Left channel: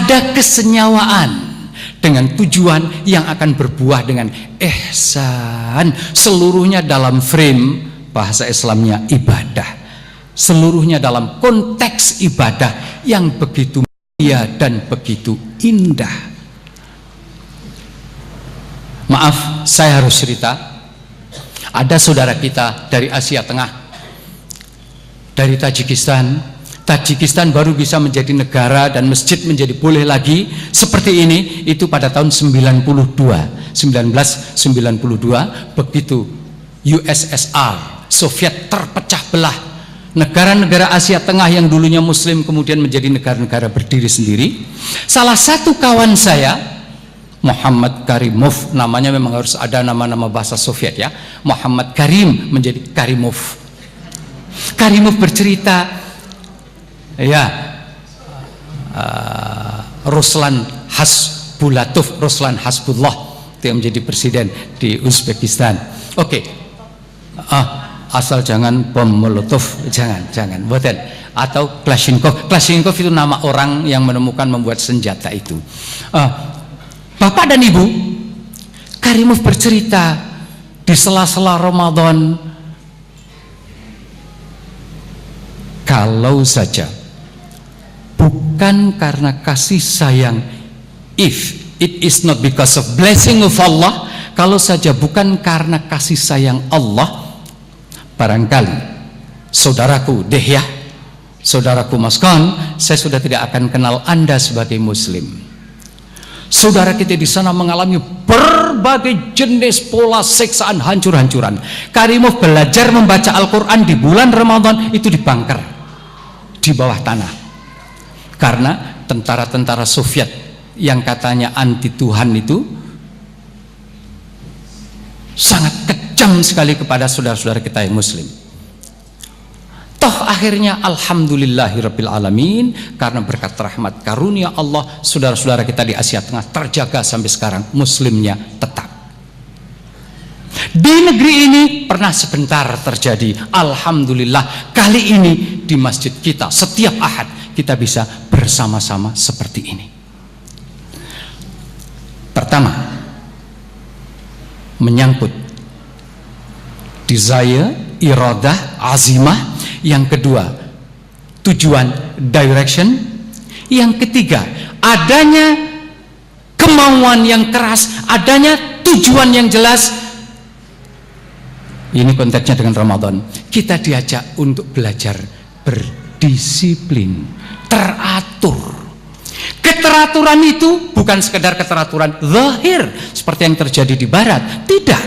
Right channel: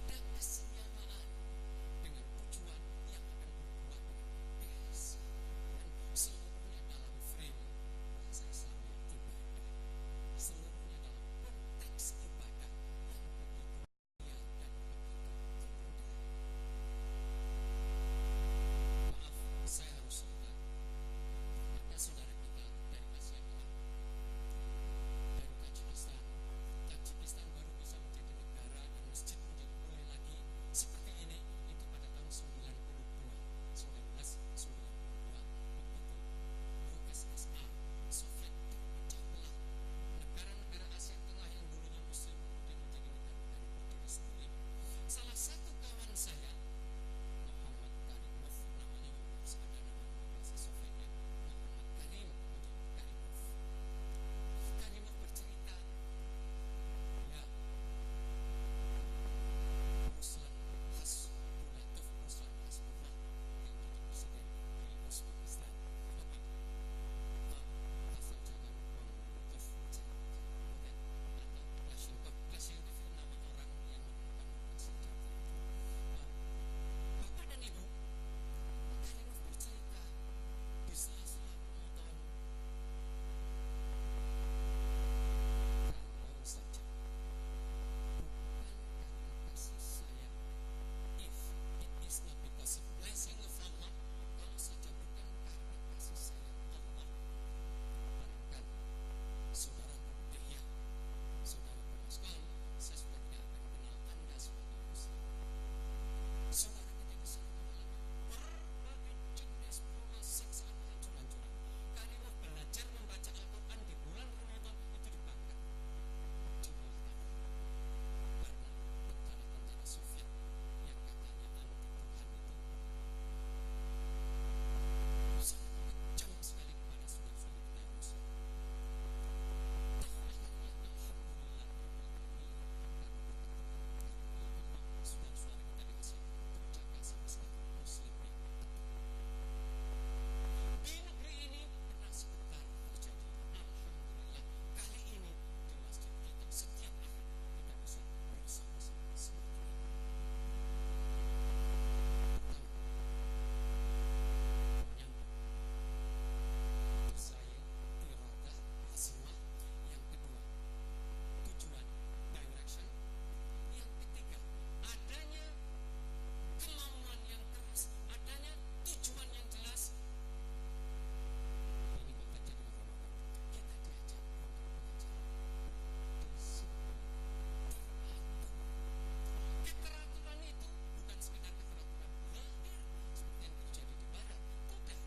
ada kesenyawaan dengan tujuan yang akan berbuah dengan ihsan. Seluruhnya dalam frame bahasa Islamnya ibadah, seluruhnya dalam konteks ibadah yang begitu mulia dan begitu indah. Maaf, saya harus cerita. Ada saudara kita dari Asia Tengah, dari Tajikistan. Tajikistan baru bisa menjadi negara dan masjid menjadi boleh lagi seperti ini itu pada tahun 1992. Begitu USSR Soviet terpecah belah, negara-negara Asia Tengah yang dulunya Muslim kemudian menjadi negara-negara berdiri sendiri. Salah satu kawan saya, Muhammad Karimov, namanya memang harus ada nama-nama bahasa Soviet ya, Muhammad Karim menjadi Karimov. Karimov bercerita, ya, Ruslan Hasbullah itu yang menjadi presiden di Uzbekistan. Oke, asal jangan bom Molotov, jangan, buatan. Atau Kalashnikov itu nama orang yang menemukan membuat senjata itu. Bapak dan Ibu, Karimov bercerita di sela-sela Ramadan, kalau saja bukan karena kasih sayang, if it is not because of blessing of Allah, kalau saja bukan karena kasih sayang Allah, barangkali saudaraku Dehya, saudaraku Maskon, saya sudah tidak akan kenal Anda sebagai Muslim. Saudara kita di sana mengalami berbagai jenis pola siksaan hancur-hancuran. Karimov belajar membaca Al-Quran di bulan Ramadan itu di bunker, di bawah tanah, karena tentara-tentara Soviet yang katanya anti Tuhan itu sangat kejam sekali kepada saudara-saudara kita yang Muslim. Toh akhirnya alhamdulillahirabbil alamin, karena berkat rahmat karunia Allah, saudara-saudara kita di Asia Tengah terjaga sampai sekarang, Muslimnya tetap. Di negeri ini pernah sebentar terjadi, alhamdulillah kali ini di masjid kita setiap Ahad kita bisa bersama-sama seperti ini. Pertama, menyangkut desire, iradah, azimah. Yang kedua, tujuan, direction. Yang ketiga, adanya kemauan yang keras, adanya tujuan yang jelas. Ini konteksnya dengan Ramadan. Kita diajak untuk belajar berdisiplin, teratur. Keteraturan itu bukan sekedar keteraturan zahir seperti yang terjadi di barat, tidak.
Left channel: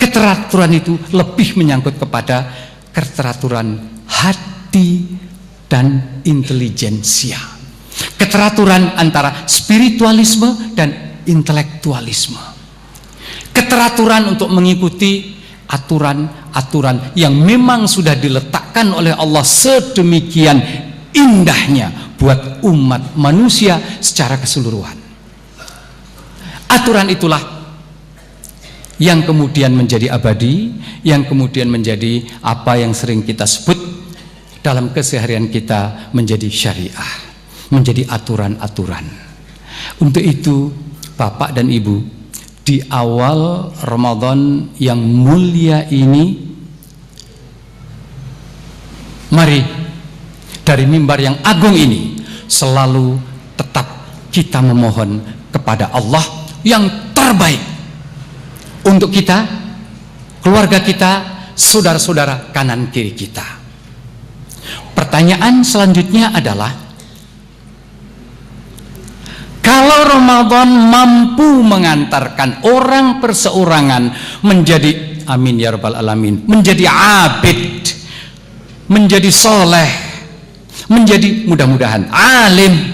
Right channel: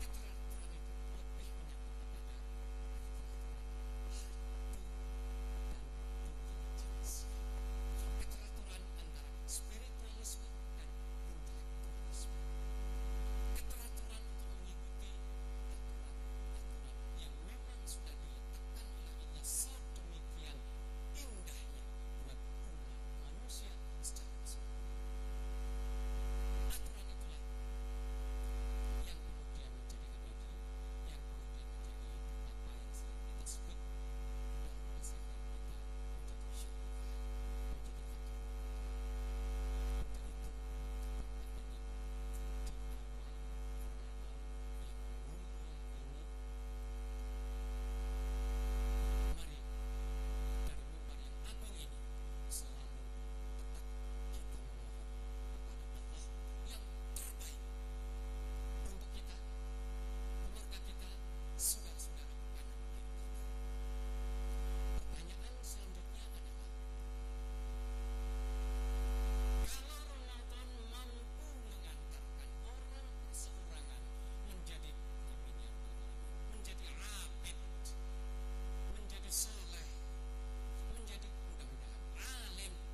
Keteraturan itu lebih menyangkut kepada keteraturan hati dan intelijensia. Keteraturan antara spiritualisme dan intelektualisme. Keteraturan untuk mengikuti aturan-aturan yang memang sudah diletakkan oleh Allah sedemikian indahnya buat umat manusia secara keseluruhan. Aturan itulah yang kemudian menjadi abadi, yang kemudian menjadi apa yang sering kita sebut dalam keseharian kita menjadi syariah, menjadi aturan-aturan. Untuk itu Bapak dan Ibu, di awal Ramadan yang mulia ini, mari dari mimbar yang agung ini selalu tetap kita memohon kepada Allah yang terbaik untuk kita, keluarga kita, saudara-saudara kanan kiri kita. Pertanyaan selanjutnya adalah, kalau Ramadan mampu mengantarkan orang perseorangan menjadi, amin ya rabbal alamin, menjadi abid, menjadi soleh, menjadi mudah-mudahan alim,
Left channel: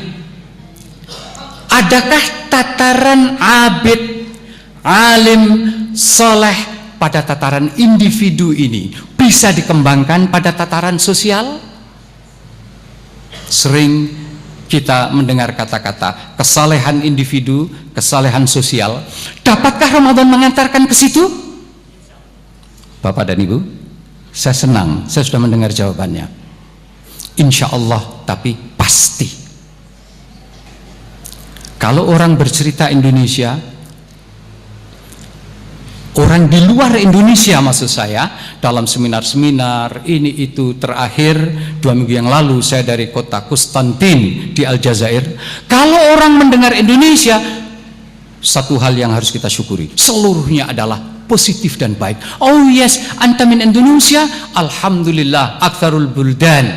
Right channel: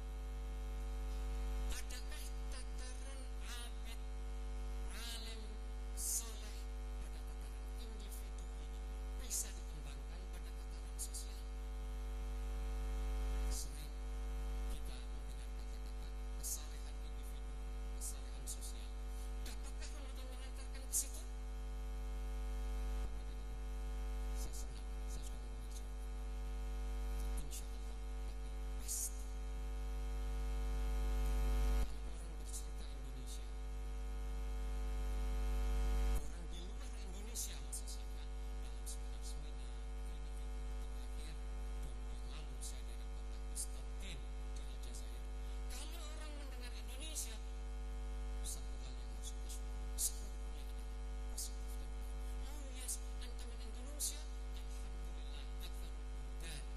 adakah tataran abid, alim, soleh pada tataran individu ini bisa dikembangkan pada tataran sosial? Sering kita mendengar kata-kata kesalehan individu, kesalehan sosial. Dapatkah Ramadan mengantarkan ke situ? Bapak dan Ibu, saya senang, saya sudah mendengar jawabannya. Insya Allah, tapi pasti. Kalau orang bercerita Indonesia, orang di luar Indonesia maksud saya, dalam seminar-seminar ini itu, terakhir 2 minggu yang lalu saya dari kota Konstantin di Aljazair. Kalau orang mendengar Indonesia, satu hal yang harus kita syukuri, seluruhnya adalah positif dan baik. Oh yes, anta min Indonesia, alhamdulillah, aktsarul buldan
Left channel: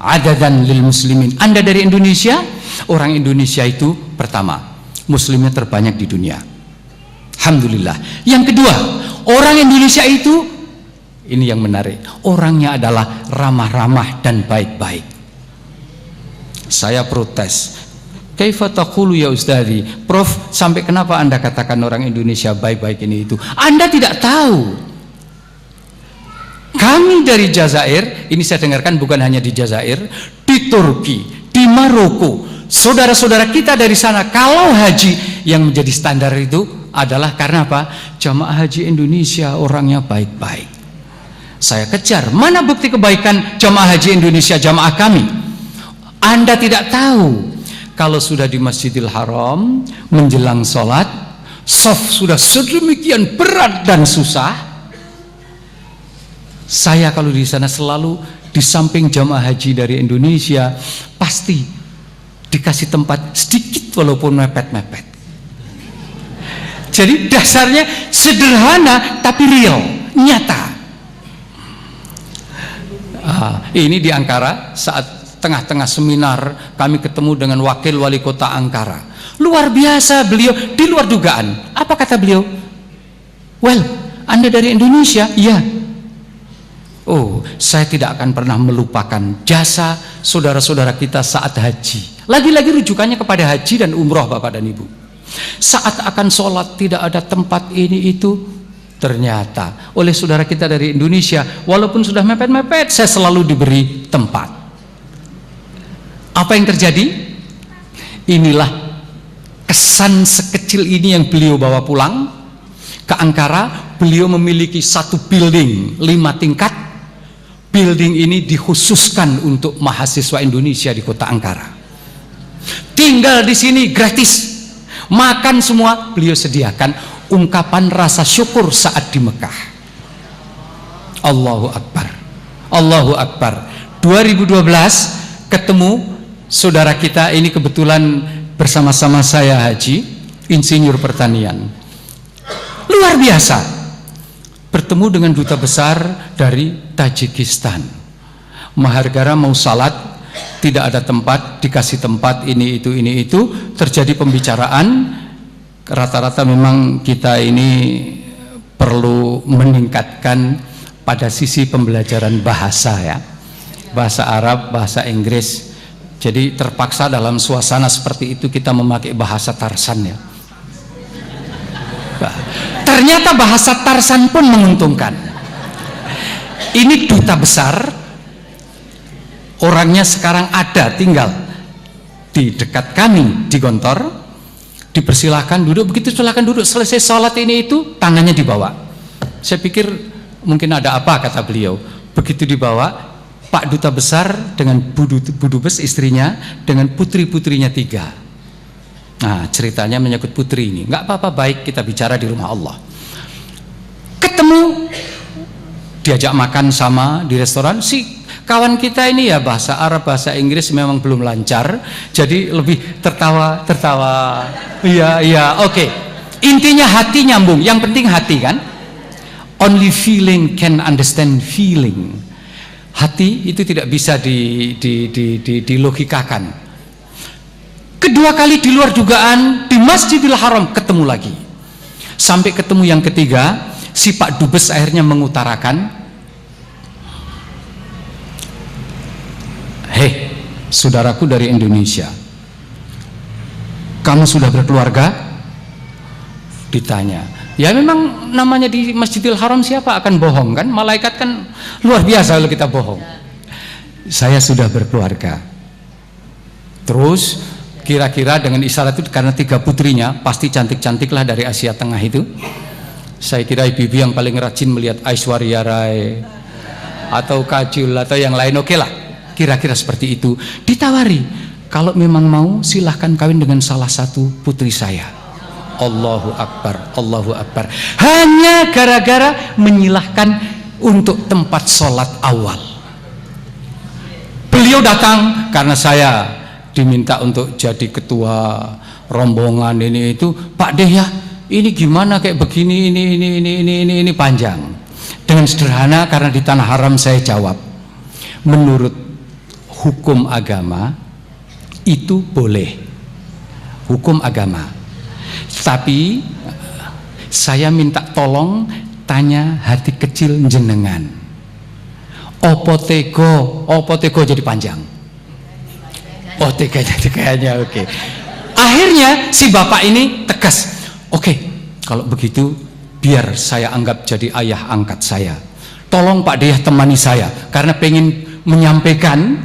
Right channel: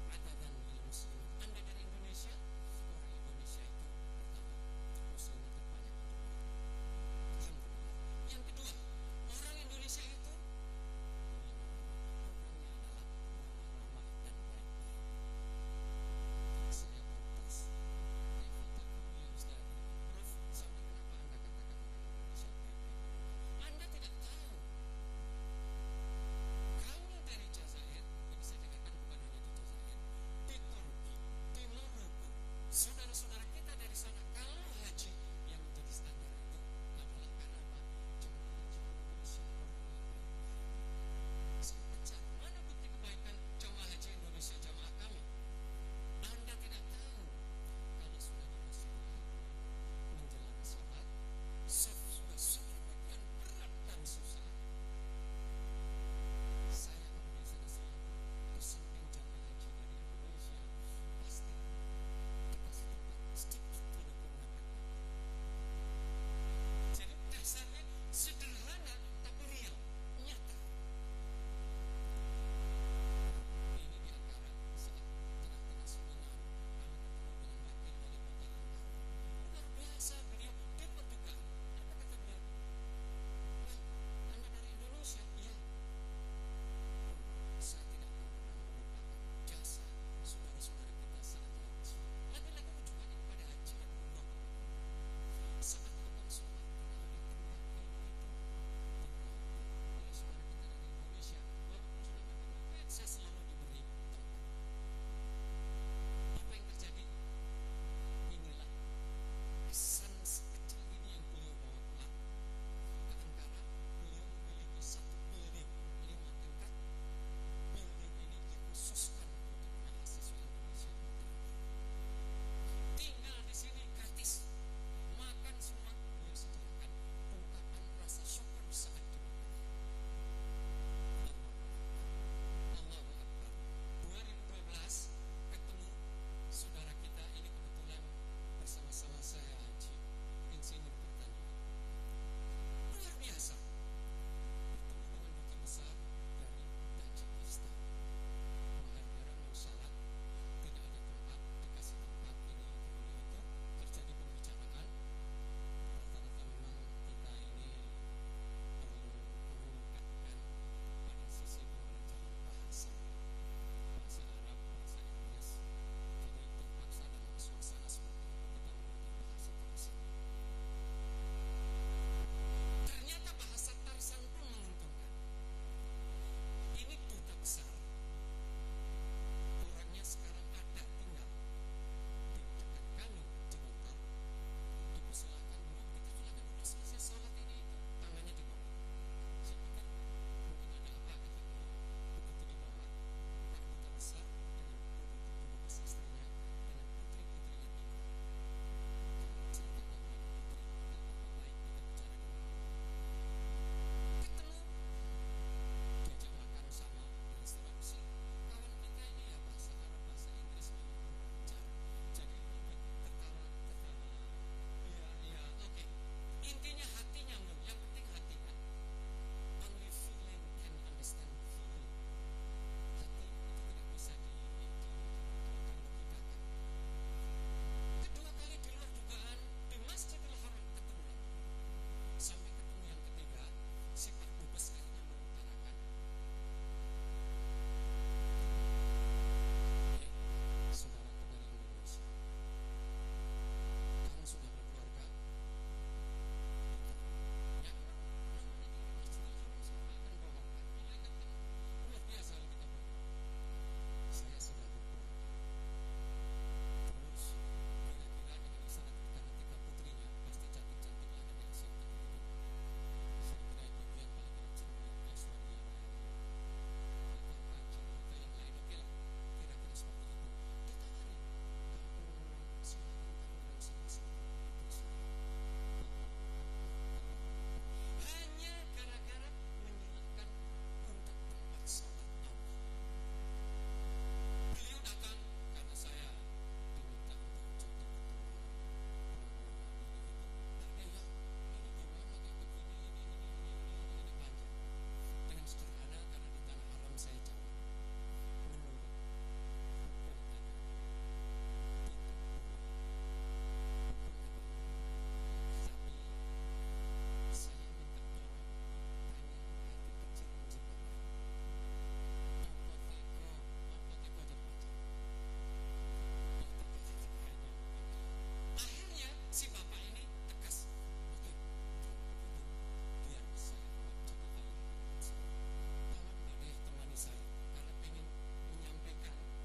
adadan lil muslimin. Anda dari Indonesia, orang Indonesia itu pertama, muslimnya terbanyak di dunia. Alhamdulillah. Yang kedua, orang Indonesia itu, ini yang menarik, orangnya adalah ramah-ramah dan baik-baik. Saya protes. Kaifa taqulu ya Ustazi? Prof, sampai kenapa Anda katakan orang Indonesia baik-baik ini itu? Anda tidak tahu. Kami dari Jazair, ini saya dengarkan bukan hanya di Jazair, di Turki, di Maroko, saudara-saudara kita dari sana, kalau haji yang menjadi standar itu adalah karena apa? Jamaah haji Indonesia orangnya baik-baik. Saya kejar, mana bukti kebaikan jamaah haji Indonesia, jamaah kami? Anda tidak tahu. Kalau sudah di Masjidil Haram menjelang sholat, shaf sudah sedemikian berat dan susah. Saya kalau di sana selalu di samping jamaah haji dari Indonesia, pasti dikasih tempat sedikit walaupun mepet-mepet. Jadi dasarnya sederhana tapi real, nyata. Ini di Ankara, saat tengah-tengah seminar kami ketemu dengan wakil wali kota Ankara. Luar biasa beliau, di luar dugaan. Apa kata beliau? Well, Anda dari Indonesia? Iya. Oh, saya tidak akan pernah melupakan jasa saudara-saudara kita saat haji. Lagi-lagi rujukannya kepada haji dan umroh, Bapak dan Ibu. Saat akan sholat tidak ada tempat ini itu, ternyata oleh saudara kita dari Indonesia, walaupun sudah mepet-mepet, saya selalu diberi tempat. Apa yang terjadi? Inilah kesan sekecil ini yang beliau bawa pulang ke Ankara. Beliau memiliki satu building 5 tingkat. Building ini dikhususkan untuk mahasiswa Indonesia di kota Ankara. Tinggal di sini gratis. Makan semua beliau sediakan. Ungkapan rasa syukur saat di Mekah. Allahu Akbar. Allahu Akbar. 2012 ketemu saudara kita ini, kebetulan bersama-sama saya haji, insinyur pertanian. Luar biasa. Bertemu dengan duta besar dari Tajikistan. Mahargara mau salat, tidak ada tempat, dikasih tempat ini itu, terjadi pembicaraan. Rata-rata memang kita ini perlu meningkatkan pada sisi pembelajaran bahasa ya. Bahasa Arab, bahasa Inggris. Jadi terpaksa dalam suasana seperti itu kita memakai bahasa Tarsan ya. Ternyata bahasa Tarsan pun menguntungkan. Ini duta besar, orangnya sekarang ada tinggal di dekat kami di Gontor. Dipersilahkan duduk, begitu silakan duduk, selesai sholat ini itu tangannya dibawa. Saya pikir mungkin ada apa, kata beliau. Begitu dibawa, Pak Duta Besar dengan Budubes istrinya dengan putri-putrinya 3. Nah ceritanya menyangkut putri ini. Nggak apa-apa, baik, kita bicara di rumah Allah. Ketemu, diajak makan sama di restoran. Si kawan kita ini ya bahasa Arab, bahasa Inggris memang belum lancar, jadi lebih tertawa. Iya, oke. Intinya hati nyambung, yang penting hati kan. Only feeling can understand feeling. Hati itu tidak bisa dilogikakan. Kedua kali di luar dugaan di Masjidil Haram ketemu lagi. Sampai ketemu yang ketiga, si Pak Dubes akhirnya mengutarakan, hei saudaraku dari Indonesia, kamu sudah berkeluarga? Ditanya. Ya memang namanya di Masjidil Haram siapa akan bohong kan? Malaikat kan luar biasa kalau kita bohong. Saya sudah berkeluarga. Terus kira-kira dengan isyarat itu, karena 3 putrinya pasti cantik-cantik lah dari Asia Tengah itu. Saya kira ibu-ibu yang paling rajin melihat Aishwarya Rai atau Kajol atau yang lain, oke lah, kira-kira seperti itu. Ditawari, kalau memang mau silahkan kawin dengan salah satu putri saya. Allahu Akbar, Allahu Akbar. Hanya gara-gara menyilahkan untuk tempat sholat awal. Beliau datang karena saya diminta untuk jadi ketua rombongan ini itu. Pak Deh ya, ini gimana kayak begini, ini panjang. Dengan sederhana karena di tanah haram saya jawab, menurut hukum agama itu boleh, hukum agama. Tapi saya minta tolong tanya hati kecil jenengan. Opo tego jadi panjang. Oh tega jadi kayaknya oke. Akhirnya si bapak ini tegas. Oke, kalau begitu biar saya anggap jadi ayah angkat saya. Tolong Pak Deh temani saya karena pengen menyampaikan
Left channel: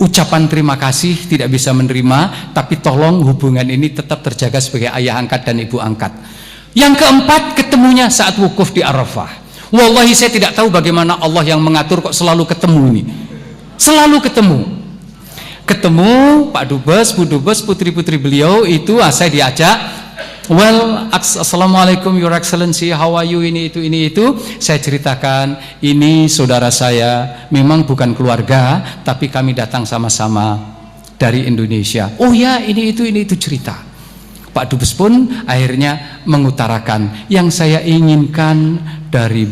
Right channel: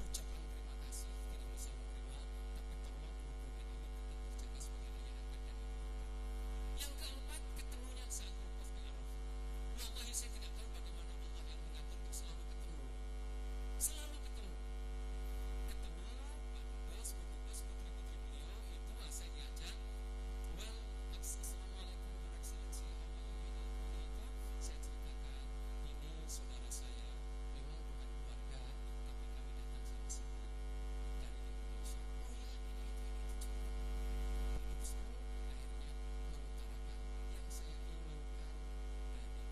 ucapan terima kasih, tidak bisa menerima, tapi tolong hubungan ini tetap terjaga sebagai ayah angkat dan ibu angkat. Yang keempat, ketemunya saat wukuf di Arafah. Wallahi saya tidak tahu bagaimana Allah yang mengatur kok selalu ketemu ini. Selalu ketemu Pak Dubes, Bu Dubes, putri-putri beliau itu saya diajak. Well, assalamualaikum Your Excellency, how are you, ini itu. Saya ceritakan, ini saudara saya, memang bukan keluarga, tapi kami datang sama-sama dari Indonesia. Oh ya, ini itu cerita. Pak Dubes pun akhirnya mengutarakan, yang saya inginkan dari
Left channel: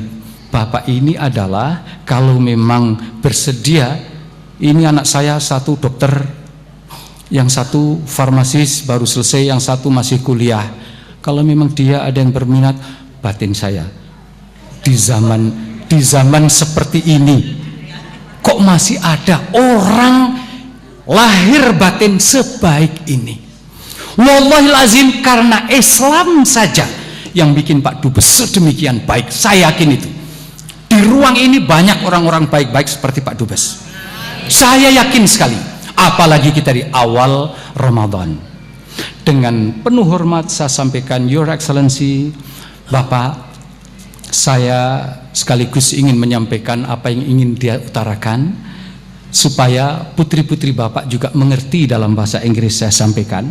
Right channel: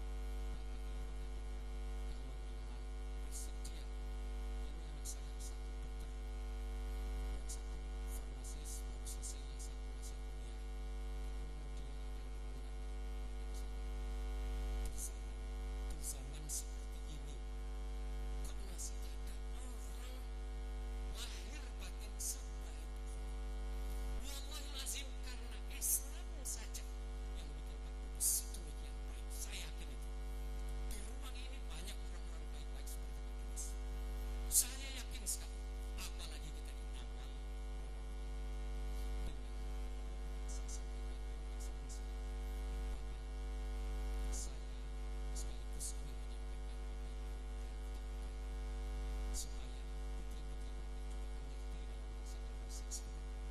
Bapak ini adalah kalau memang bersedia, ini anak saya satu dokter, yang satu farmasis baru selesai, yang satu masih kuliah. Kalau memang dia ada yang berminat, batin saya di zaman seperti ini kok masih ada orang lahir batin sebaik ini. Wallahil azim, karena Islam saja yang bikin Pak Dubes sedemikian baik. Saya yakin itu di ruang ini banyak orang-orang baik-baik seperti Pak Dubes. Saya yakin sekali. Apalagi kita di awal Ramadan. Dengan penuh hormat saya sampaikan, Your Excellency, Bapak, saya sekaligus ingin menyampaikan apa yang ingin dia utarakan, supaya putri-putri Bapak juga mengerti dalam bahasa Inggris saya sampaikan.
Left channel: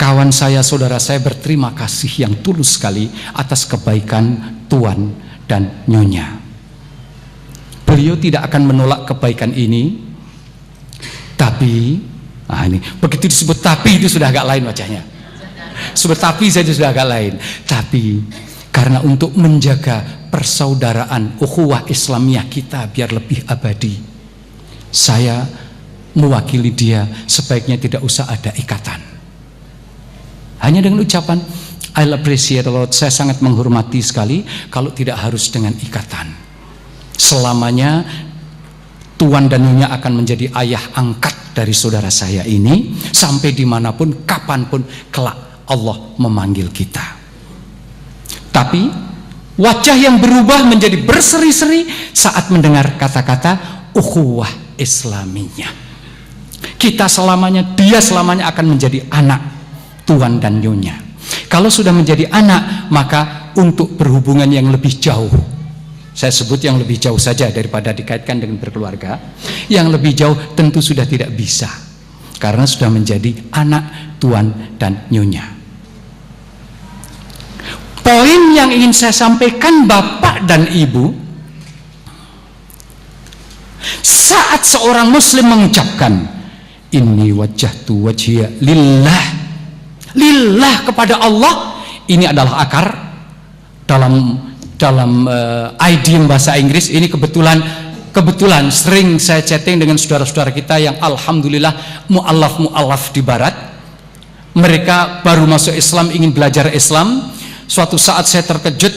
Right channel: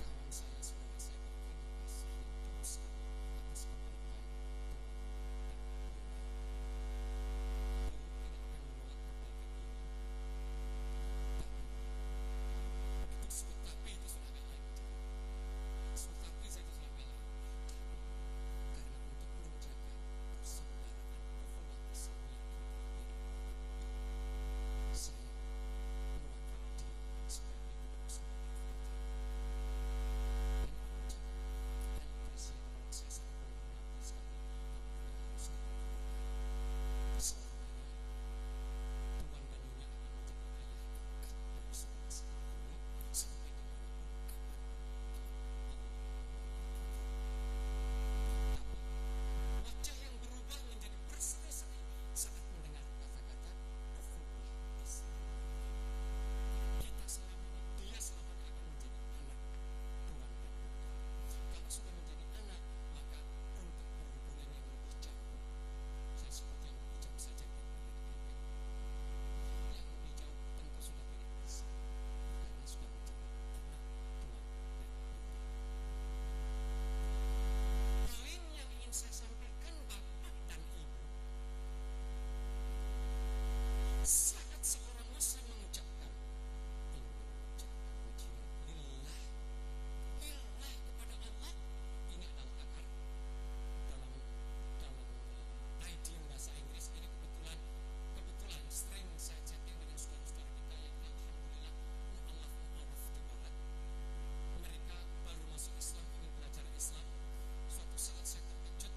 Kawan saya, saudara saya berterima kasih yang tulus sekali atas kebaikan Tuan dan Nyonya. Beliau tidak akan menolak kebaikan ini, tapi ini begitu disebut tapi itu sudah agak lain wajahnya. Sebut tapi saja sudah agak lain. Tapi karena untuk menjaga persaudaraan ukhuwah Islamiyah kita biar lebih abadi, saya mewakili dia, sebaiknya tidak usah ada ikatan. Hanya dengan ucapan I'll appreciate a lot, saya sangat menghormati sekali, kalau tidak harus dengan ikatan. Selamanya Tuan dan Nyonya akan menjadi ayah angkat dari saudara saya ini, sampai dimanapun, kapanpun kelak Allah memanggil kita. Tapi wajah yang berubah menjadi berseri-seri saat mendengar kata-kata ukhuwah Islamiyah. Kita selamanya, dia selamanya akan menjadi anak Tuan dan Nyonya. Kalau sudah menjadi anak, maka untuk berhubungan yang lebih jauh, saya sebut yang lebih jauh saja daripada dikaitkan dengan berkeluarga, yang lebih jauh tentu sudah tidak bisa, karena sudah menjadi anak Tuan dan Nyonya. Poin yang ingin saya sampaikan Bapak dan Ibu, saat seorang muslim mengucapkan inni wajjahtu wajhiya lillah kepada Allah, ini adalah akar dalam idiom bahasa Inggris. Ini kebetulan sering saya chatting dengan saudara-saudara kita yang alhamdulillah mu'allaf di barat. Mereka baru masuk Islam, ingin belajar Islam. Suatu saat saya terkejut,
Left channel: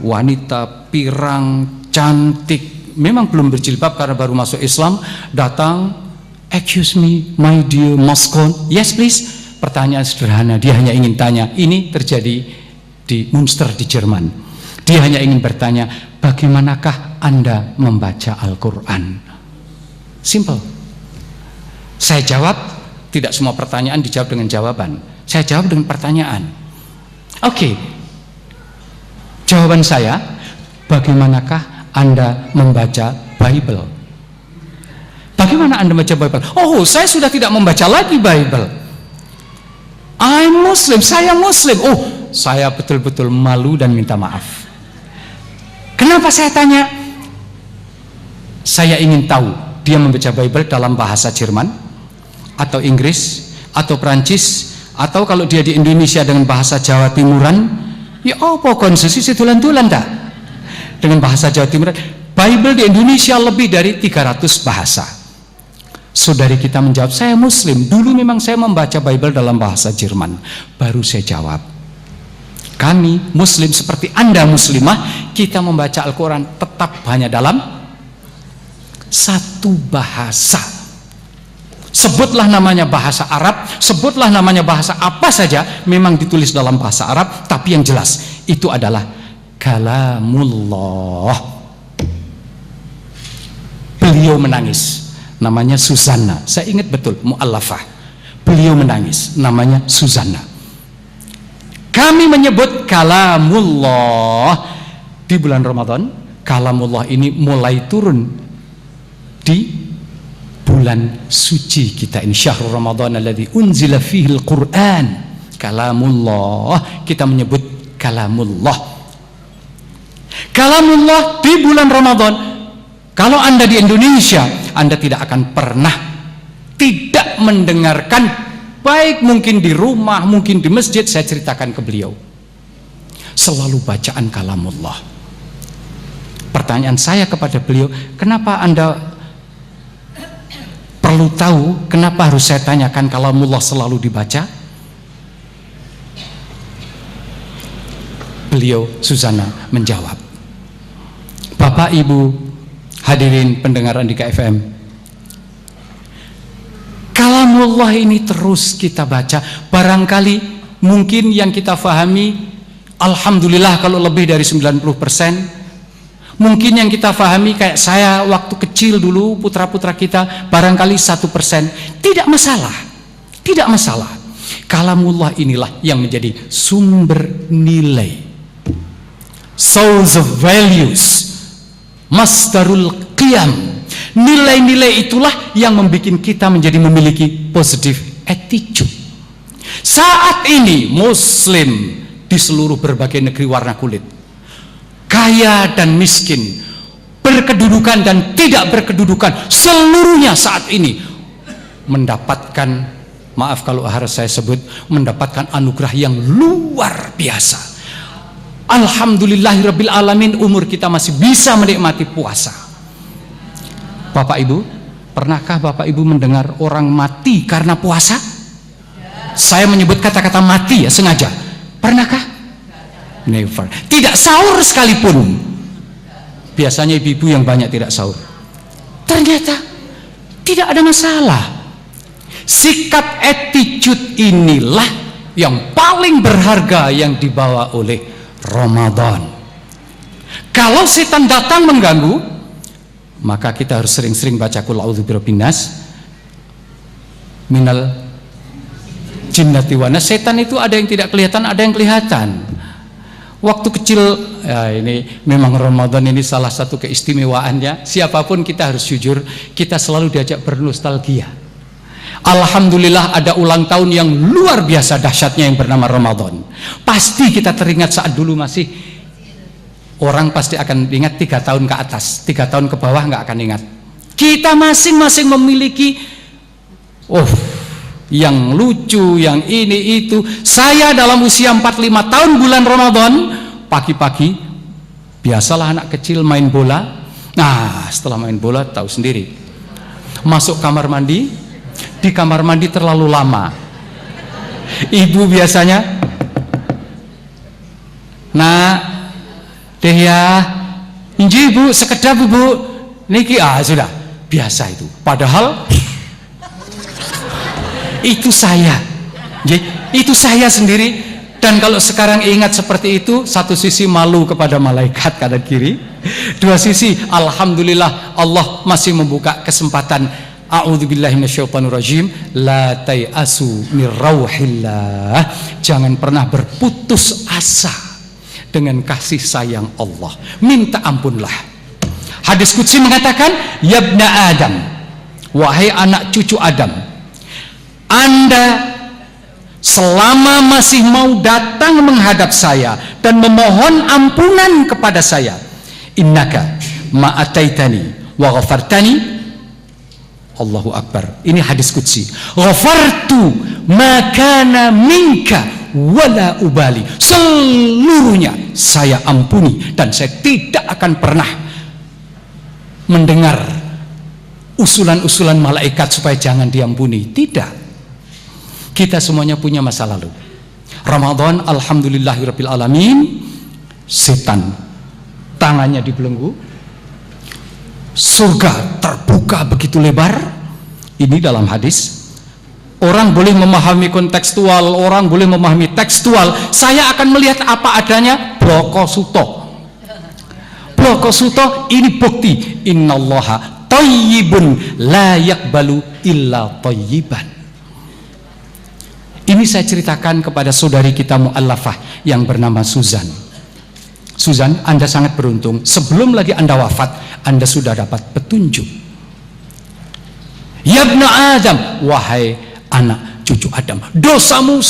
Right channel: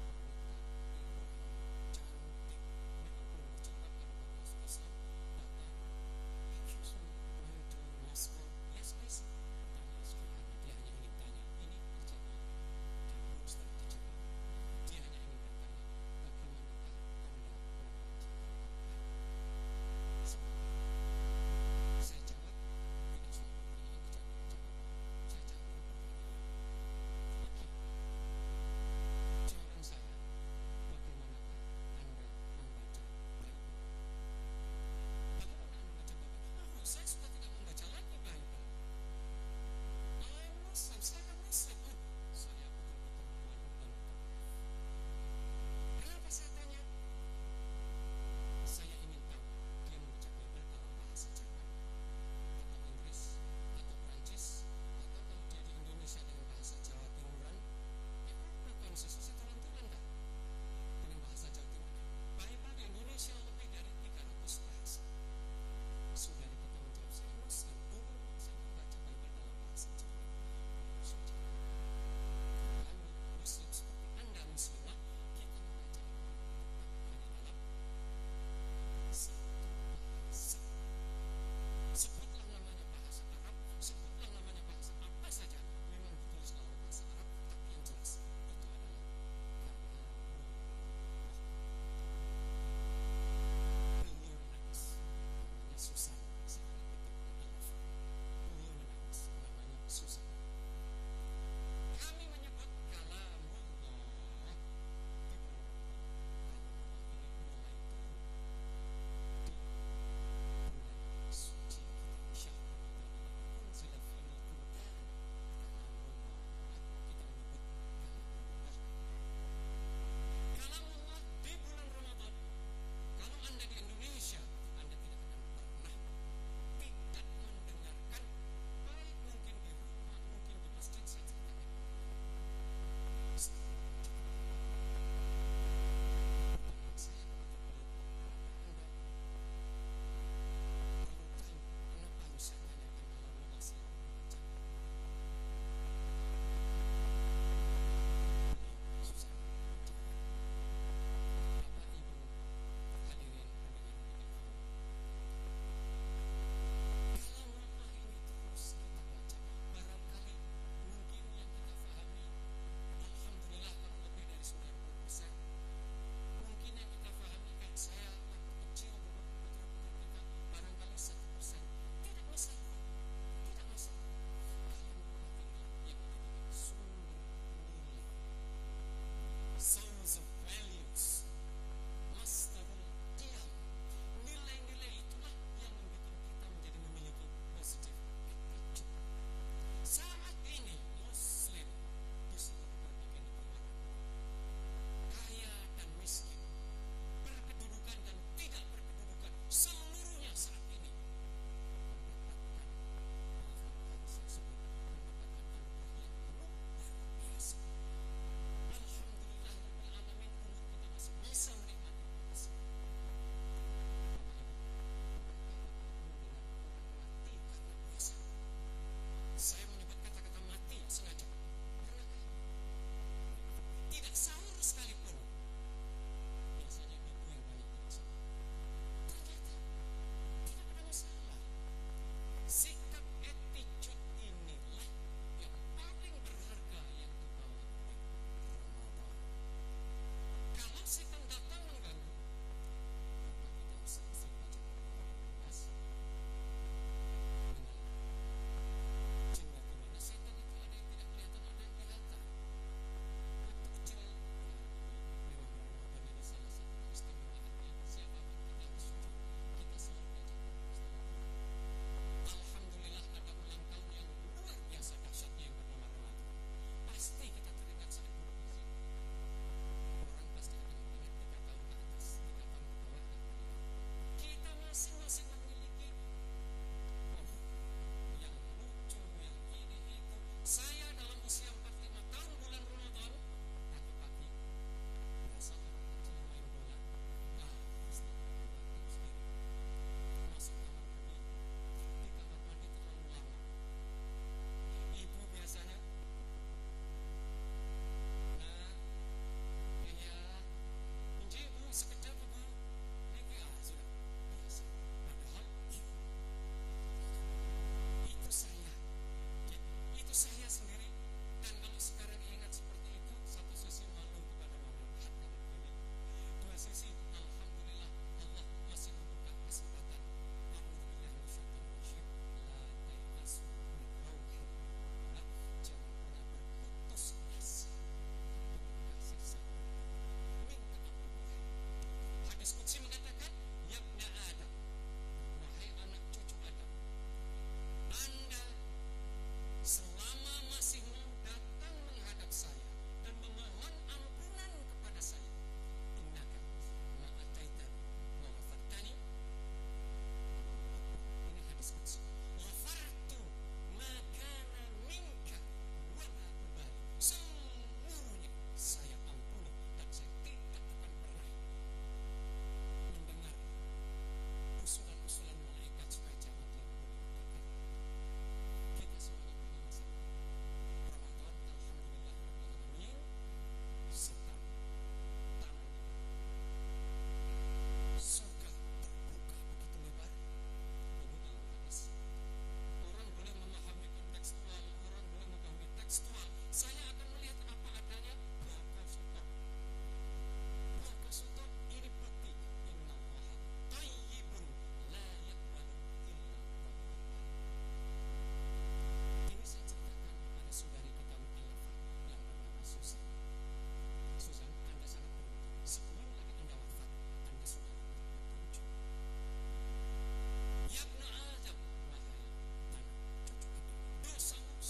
wanita pirang cantik, memang belum berjilbab karena baru masuk Islam, datang, excuse me my dear Moscow, yes please. Pertanyaan sederhana, dia hanya ingin tanya. Ini terjadi di Münster di Jerman. Dia hanya ingin bertanya, bagaimanakah Anda membaca Al-Quran? Simple. Saya jawab, tidak semua pertanyaan dijawab dengan jawaban. Saya jawab dengan pertanyaan. Oke. Jawaban saya, bagaimanakah Anda membaca Bible? Bagaimana Anda baca Bible? Oh, saya sudah tidak membaca lagi Bible. I'm Muslim, saya Muslim. Oh, saya betul-betul malu dan minta maaf. Kenapa saya tanya? Saya ingin tahu dia membaca Bible dalam bahasa Jerman atau Inggris atau Perancis, atau kalau dia di Indonesia dengan bahasa Jawa Timuran. Ya apa konsesi situlan-tulan tak? Dengan bahasa Jawa Timuran. Bible di Indonesia lebih dari 300 bahasa. Saudari kita menjawab, saya Muslim. Dulu memang saya membaca Bible dalam bahasa Jerman. Baru saya jawab, kami Muslim seperti Anda Muslimah, kita membaca Al-Quran tetap hanya dalam satu bahasa. Sebutlah namanya bahasa Arab, sebutlah namanya bahasa apa saja, memang ditulis dalam bahasa Arab, tapi yang jelas itu adalah kalamullah. Beliau menangis. Namanya Susanna, saya ingat betul, mu'allafah. Beliau menangis, namanya Susanna. Kami menyebut kalamullah di bulan Ramadan. Kalamullah ini mulai turun di bulan suci kita ini, syahrul Ramadan alladzi unzila fihil Qur'an. Kalamullah, kita menyebut kalamullah. Kalamullah di bulan Ramadan. Kalau Anda di Indonesia, Anda tidak akan pernah tidak mendengarkan, baik mungkin di rumah, mungkin di masjid. Saya ceritakan ke beliau, selalu bacaan kalamullah. Pertanyaan saya kepada beliau, kenapa Anda perlu tahu, kenapa harus saya tanyakan kalamullah selalu dibaca? Beliau, Susanna, menjawab, Bapak Ibu hadirin pendengar Andika FM, kalamullah ini terus kita baca. Barangkali mungkin yang kita fahami, alhamdulillah kalau lebih dari 90%. Mungkin yang kita fahami kayak saya waktu kecil dulu, putra-putra kita barangkali 1%. Tidak masalah, tidak masalah. Kalamullah inilah yang menjadi sumber nilai, source of values, masdarul qiyam. Nilai-nilai itulah yang membuat kita menjadi memiliki positive attitude. Saat ini Muslim di seluruh berbagai negeri warna kulit, kaya dan miskin, berkedudukan dan tidak berkedudukan, seluruhnya saat ini mendapatkan, maaf kalau harus saya sebut, mendapatkan anugerah yang luar biasa. Alhamdulillahirabbil alamin, umur kita masih bisa menikmati puasa. Bapak Ibu, pernahkah Bapak Ibu mendengar orang mati karena puasa? Saya menyebut kata-kata mati ya sengaja. Pernahkah? Never. Tidak sahur sekalipun. Biasanya ibu-ibu yang banyak tidak sahur. Ternyata tidak ada masalah. Sikap attitude inilah yang paling berharga yang dibawa oleh Ramadan. Kalau setan datang mengganggu, maka kita harus sering-sering baca qul a'udzu birabbin nas minal jinnati wan nas. Setan itu ada yang tidak kelihatan, ada yang kelihatan. Waktu kecil, ya ini memang Ramadan ini salah satu keistimewaannya. Siapapun kita harus jujur, kita selalu diajak bernostalgia. Alhamdulillah ada ulang tahun yang luar biasa dahsyatnya yang bernama Ramadan. Pasti kita teringat saat dulu masih, orang pasti akan ingat 3 tahun ke atas, 3 tahun ke bawah nggak akan ingat. Kita masing-masing memiliki yang lucu, yang ini itu. Saya dalam usia 45 tahun bulan Ramadan, pagi-pagi biasalah anak kecil main bola. Nah setelah main bola tahu sendiri, masuk kamar mandi. Di kamar mandi terlalu lama, ibu biasanya, nah deh ya inji bu sekedap bu niki sudah biasa itu. Padahal itu saya, itu saya sendiri. Dan kalau sekarang ingat seperti itu, satu sisi malu kepada malaikat kanan kiri, dua sisi alhamdulillah Allah masih membuka kesempatan. A'udzubillahi minasyaitonirrajim. La tai'asu mir rauhillah. Jangan pernah berputus asa dengan kasih sayang Allah. Minta ampunlah. Hadis qudsi mengatakan, "Ya ibna Adam, wahai anak cucu Adam, Anda selama masih mau datang menghadap saya dan memohon ampunan kepada saya, innaka ma'ataitani wa ghafartani. Allahu Akbar. Ini hadis qudsi. Ghafartu ma kana minka wala ubali. Seluruhnya saya ampuni dan saya tidak akan pernah mendengar usulan-usulan malaikat supaya jangan diampuni. Tidak. Kita semuanya punya masa lalu. Ramadan, alhamdulillahirabbil alamin, setan tangannya dibelenggu, surga terbuka begitu lebar. Ini dalam hadis. Orang boleh memahami kontekstual, orang boleh memahami tekstual. Saya akan melihat apa adanya. Bloko suto. Bloko suto ini bukti. Innallaha thayyibun la yaqbalu illa thayyiban. Ini saya ceritakan kepada saudari kita mu'allafah yang bernama Susan. Susan, Anda sangat beruntung. Sebelum lagi Anda wafat, Anda sudah dapat petunjuk. Ya ibna Adam, wahai anak cucu Adam, dosamu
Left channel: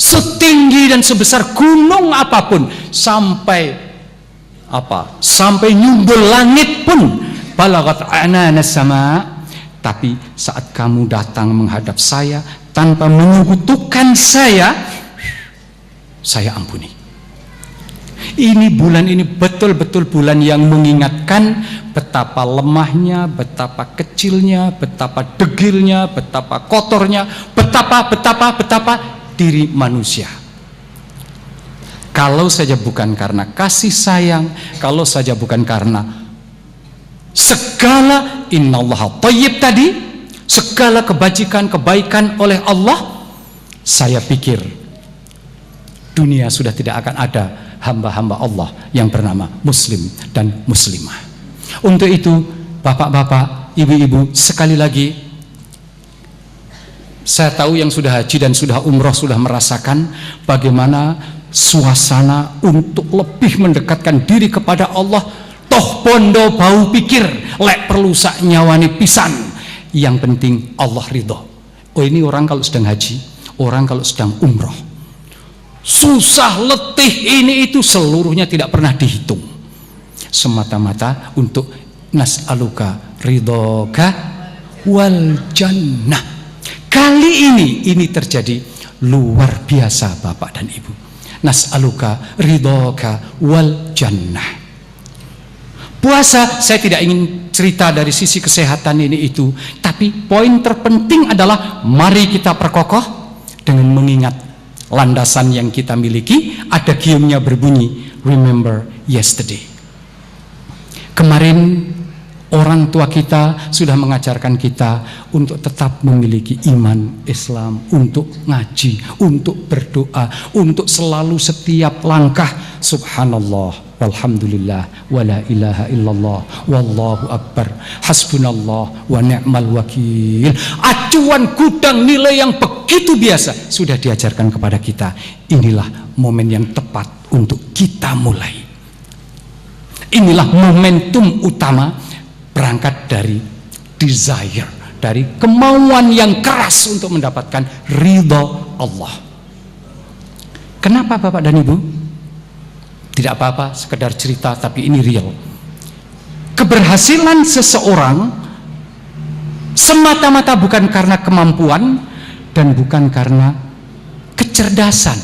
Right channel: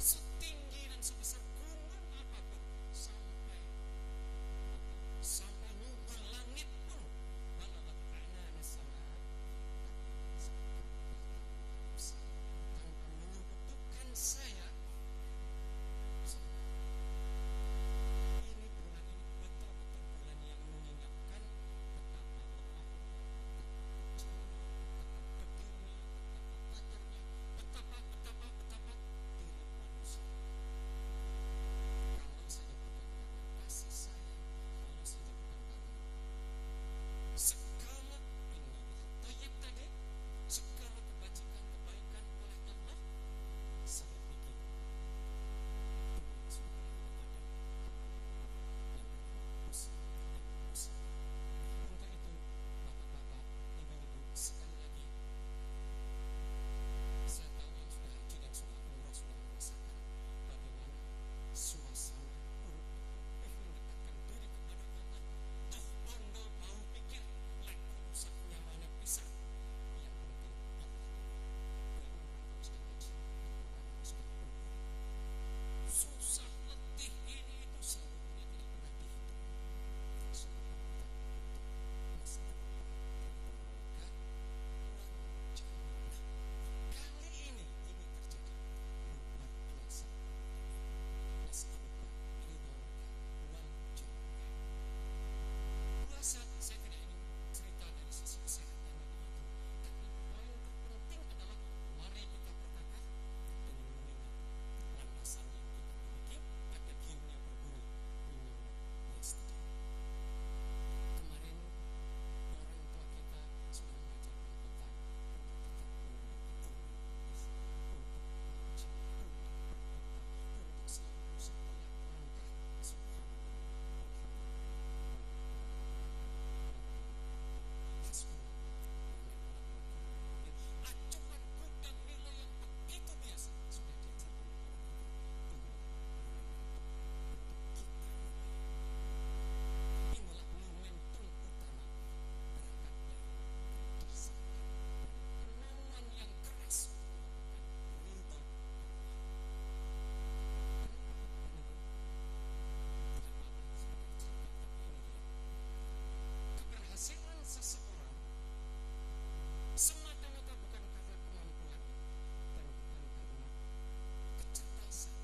setinggi dan sebesar gunung apapun, sampai nyumbul langit pun, balagat ananas sama. Tapi saat kamu datang menghadap saya tanpa menyekutukan saya ampuni. Ini bulan ini betul-betul bulan yang mengingatkan betapa lemahnya, betapa kecilnya, betapa degilnya, betapa kotornya, betapa diri manusia. Kalau saja bukan karena kasih sayang, kalau saja bukan karena segala innallaha thayyib tadi, segala kebaikan oleh Allah, saya pikir dunia sudah tidak akan ada hamba-hamba Allah yang bernama muslim dan muslimah. Untuk itu, bapak-bapak, ibu-ibu, sekali lagi, saya tahu yang sudah haji dan sudah umroh sudah merasakan bagaimana suasana untuk lebih mendekatkan diri kepada Allah. Toh bondo bau pikir, lek perlu sak nyawani pisan. Yang penting Allah ridho. Oh, ini orang kalau sedang haji, orang kalau sedang umroh. Susah, letih, ini itu seluruhnya tidak pernah dihitung. Semata-mata untuk nas'aluka ridhoka wal jannah. Kali ini terjadi luar biasa Bapak dan Ibu. Nas'aluka ridhoka wal jannah. Puasa, saya tidak ingin cerita dari sisi kesehatan ini itu, tapi poin terpenting adalah mari kita perkokoh dengan mengingat landasan yang kita miliki. Ada giumnya berbunyi, remember yesterday. Kemarin orang tua kita sudah mengajarkan kita untuk tetap memiliki iman Islam, untuk ngaji, untuk berdoa, untuk selalu setiap langkah subhanallah walhamdulillah wala ilaha illallah wallahu akbar hasbunallah wa ni'mal wakil. Acuan gudang nilai yang begitu biasa sudah diajarkan kepada kita. Inilah momen yang tepat untuk kita mulai. Inilah momentum utama berangkat dari desire, dari kemauan yang keras untuk mendapatkan ridho Allah. Kenapa Bapak dan Ibu? Tidak apa-apa, sekedar cerita, tapi ini real. Keberhasilan seseorang semata-mata bukan karena kemampuan dan bukan karena kecerdasan.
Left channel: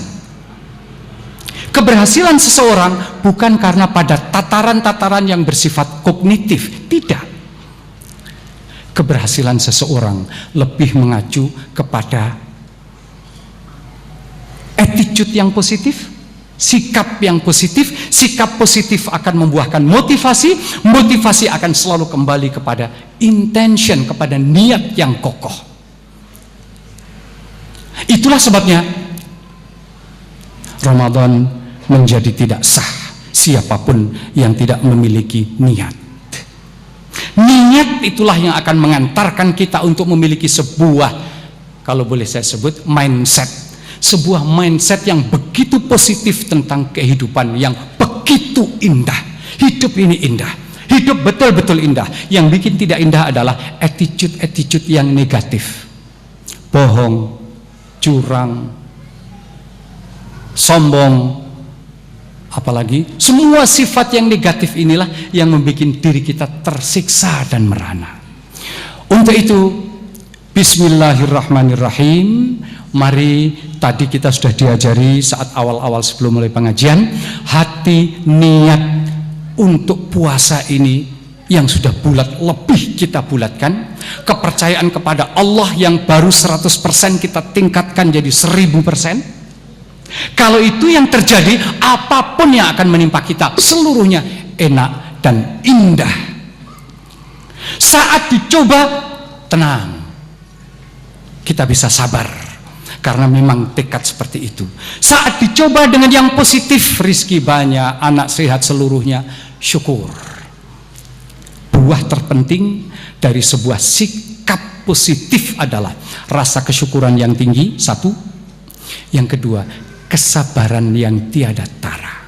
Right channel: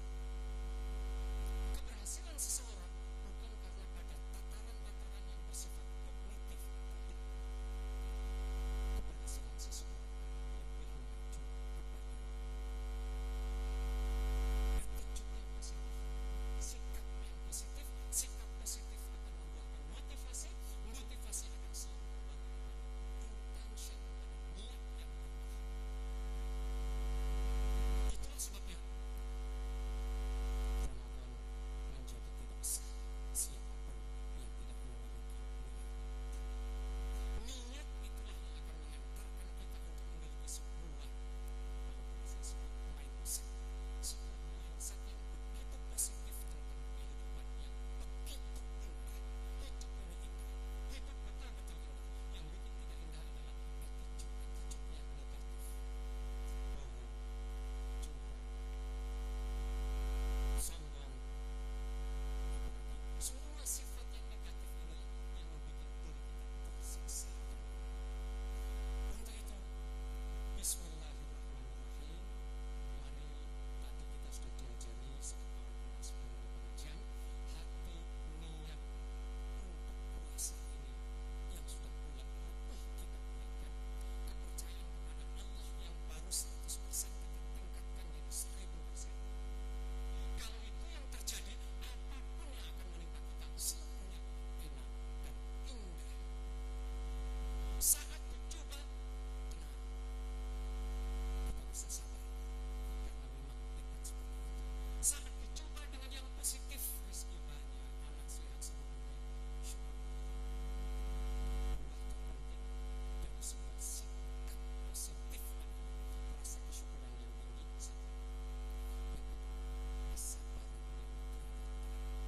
Keberhasilan seseorang bukan karena pada tataran-tataran yang bersifat kognitif, tidak. Keberhasilan seseorang lebih mengacu kepada attitude yang positif, sikap yang positif. Sikap positif akan membuahkan motivasi, motivasi akan selalu kembali kepada intention, kepada niat yang kokoh. Itulah sebabnya Ramadan menjadi tidak sah siapapun yang tidak memiliki niat. Niat itulah yang akan mengantarkan kita untuk memiliki sebuah, kalau boleh saya sebut, mindset. Sebuah mindset yang begitu positif tentang kehidupan yang begitu indah. Hidup ini indah. Hidup betul-betul indah. Yang bikin tidak indah adalah attitude yang negatif. Bohong, curang, sombong, apalagi semua sifat yang negatif inilah yang membuat diri kita tersiksa dan merana. Untuk itu, bismillahirrahmanirrahim. Mari, tadi kita sudah diajari saat awal-awal sebelum mulai pengajian, hati niat untuk puasa ini yang sudah bulat lebih kita bulatkan. Kepercayaan kepada Allah yang baru 100% kita tingkatkan jadi 1000%. Kalau itu yang terjadi, apapun yang akan menimpa kita seluruhnya enak dan indah. Saat dicoba, tenang, kita bisa sabar karena memang tekad seperti itu. Saat dicoba dengan yang positif, rizki banyak, anak sehat seluruhnya, syukur. Buah terpenting dari sebuah sikap positif adalah rasa kesyukuran yang tinggi, satu. Yang kedua, kesabaran yang tiada tara.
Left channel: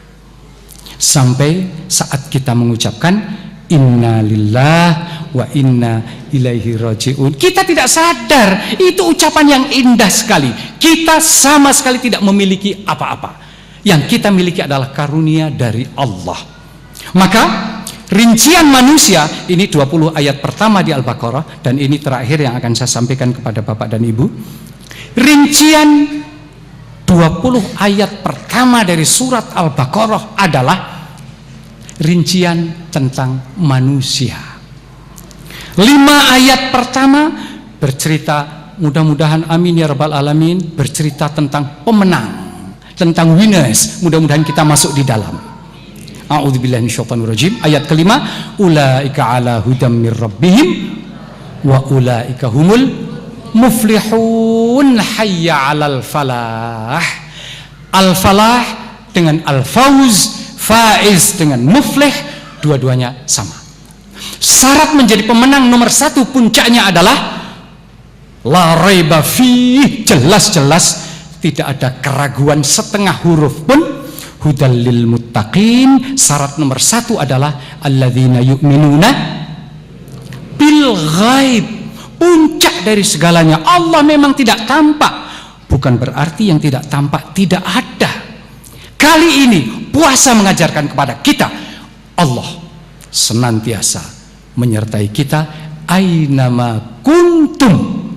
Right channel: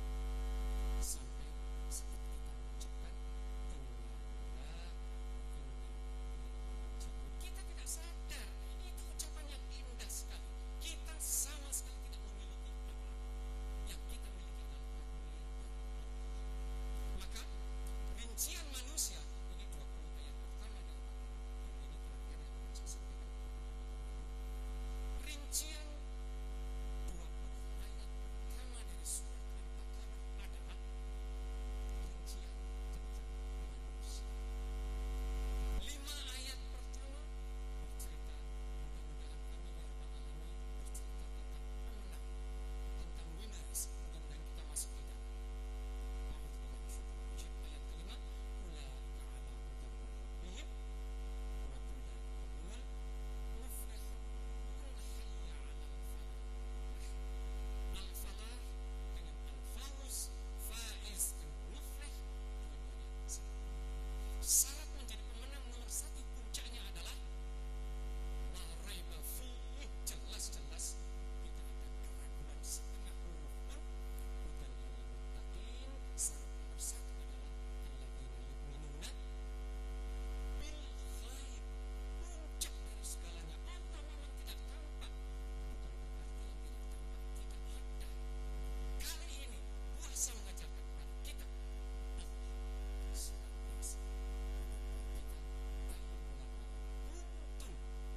Sampai saat kita mengucapkan inna lillah wa inna ilaihi raji'un, kita tidak sadar itu ucapan yang indah sekali. Kita sama sekali tidak memiliki apa-apa. Yang kita miliki adalah karunia dari Allah. Maka rincian manusia ini 20 ayat pertama di Al-Baqarah, dan ini terakhir yang akan saya sampaikan kepada Bapak dan Ibu. Rincian 20 ayat pertama dari surat Al-Baqarah adalah rincian tentang manusia. 5 ayat pertama bercerita, mudah-mudahan amin ya rabbal alamin, bercerita tentang pemenang, tentang winners. Mudah-mudahan kita masuk di dalam. A'udzubillahi minasyaitonirrajim. Ayat kelima, ulaika ala hudam mir rabbihim wa ulaika humul muflihun. Hayya 'alal falah. Al-falah dengan al-fauz, faiz dengan muflih, dua-duanya sama. Syarat menjadi pemenang nomor 1 puncaknya adalah la raiba fi, jelas-jelas tidak ada keraguan setengah huruf pun. Hudal lil muttaqin. Syarat nomor 1 adalah alladzina yu'minuna bil ghaib. Puncak dari segalanya, Allah memang tidak tampak. Bukan berarti yang tidak tampak tidak ada. Kali ini puasa mengajarkan kepada kita, Allah senantiasa menyertai kita ainama kuntum.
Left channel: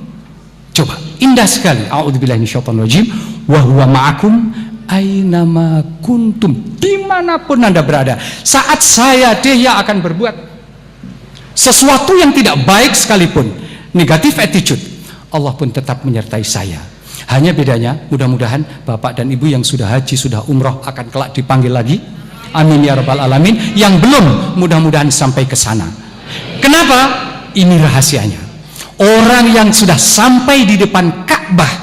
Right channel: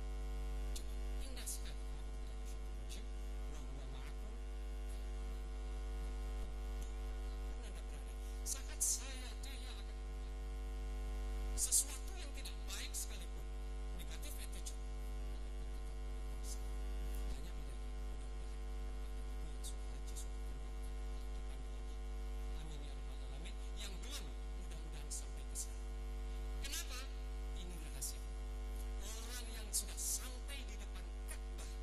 Coba, indah sekali. A'udzubillahi minasyaitonirrajim. Wa huwa ma'akum ainama kuntum. Dimanapun Anda berada. Saat saya dia akan berbuat sesuatu yang tidak baik sekalipun, negatif attitude, Allah pun tetap menyertai saya. Hanya bedanya, mudah-mudahan Bapak dan Ibu yang sudah haji, sudah umroh akan kelak dipanggil lagi. Amin ya rabbal alamin. Yang belum, mudah-mudahan sampai ke sana. Kenapa? Ini rahasianya. Orang yang sudah sampai di depan Ka'bah,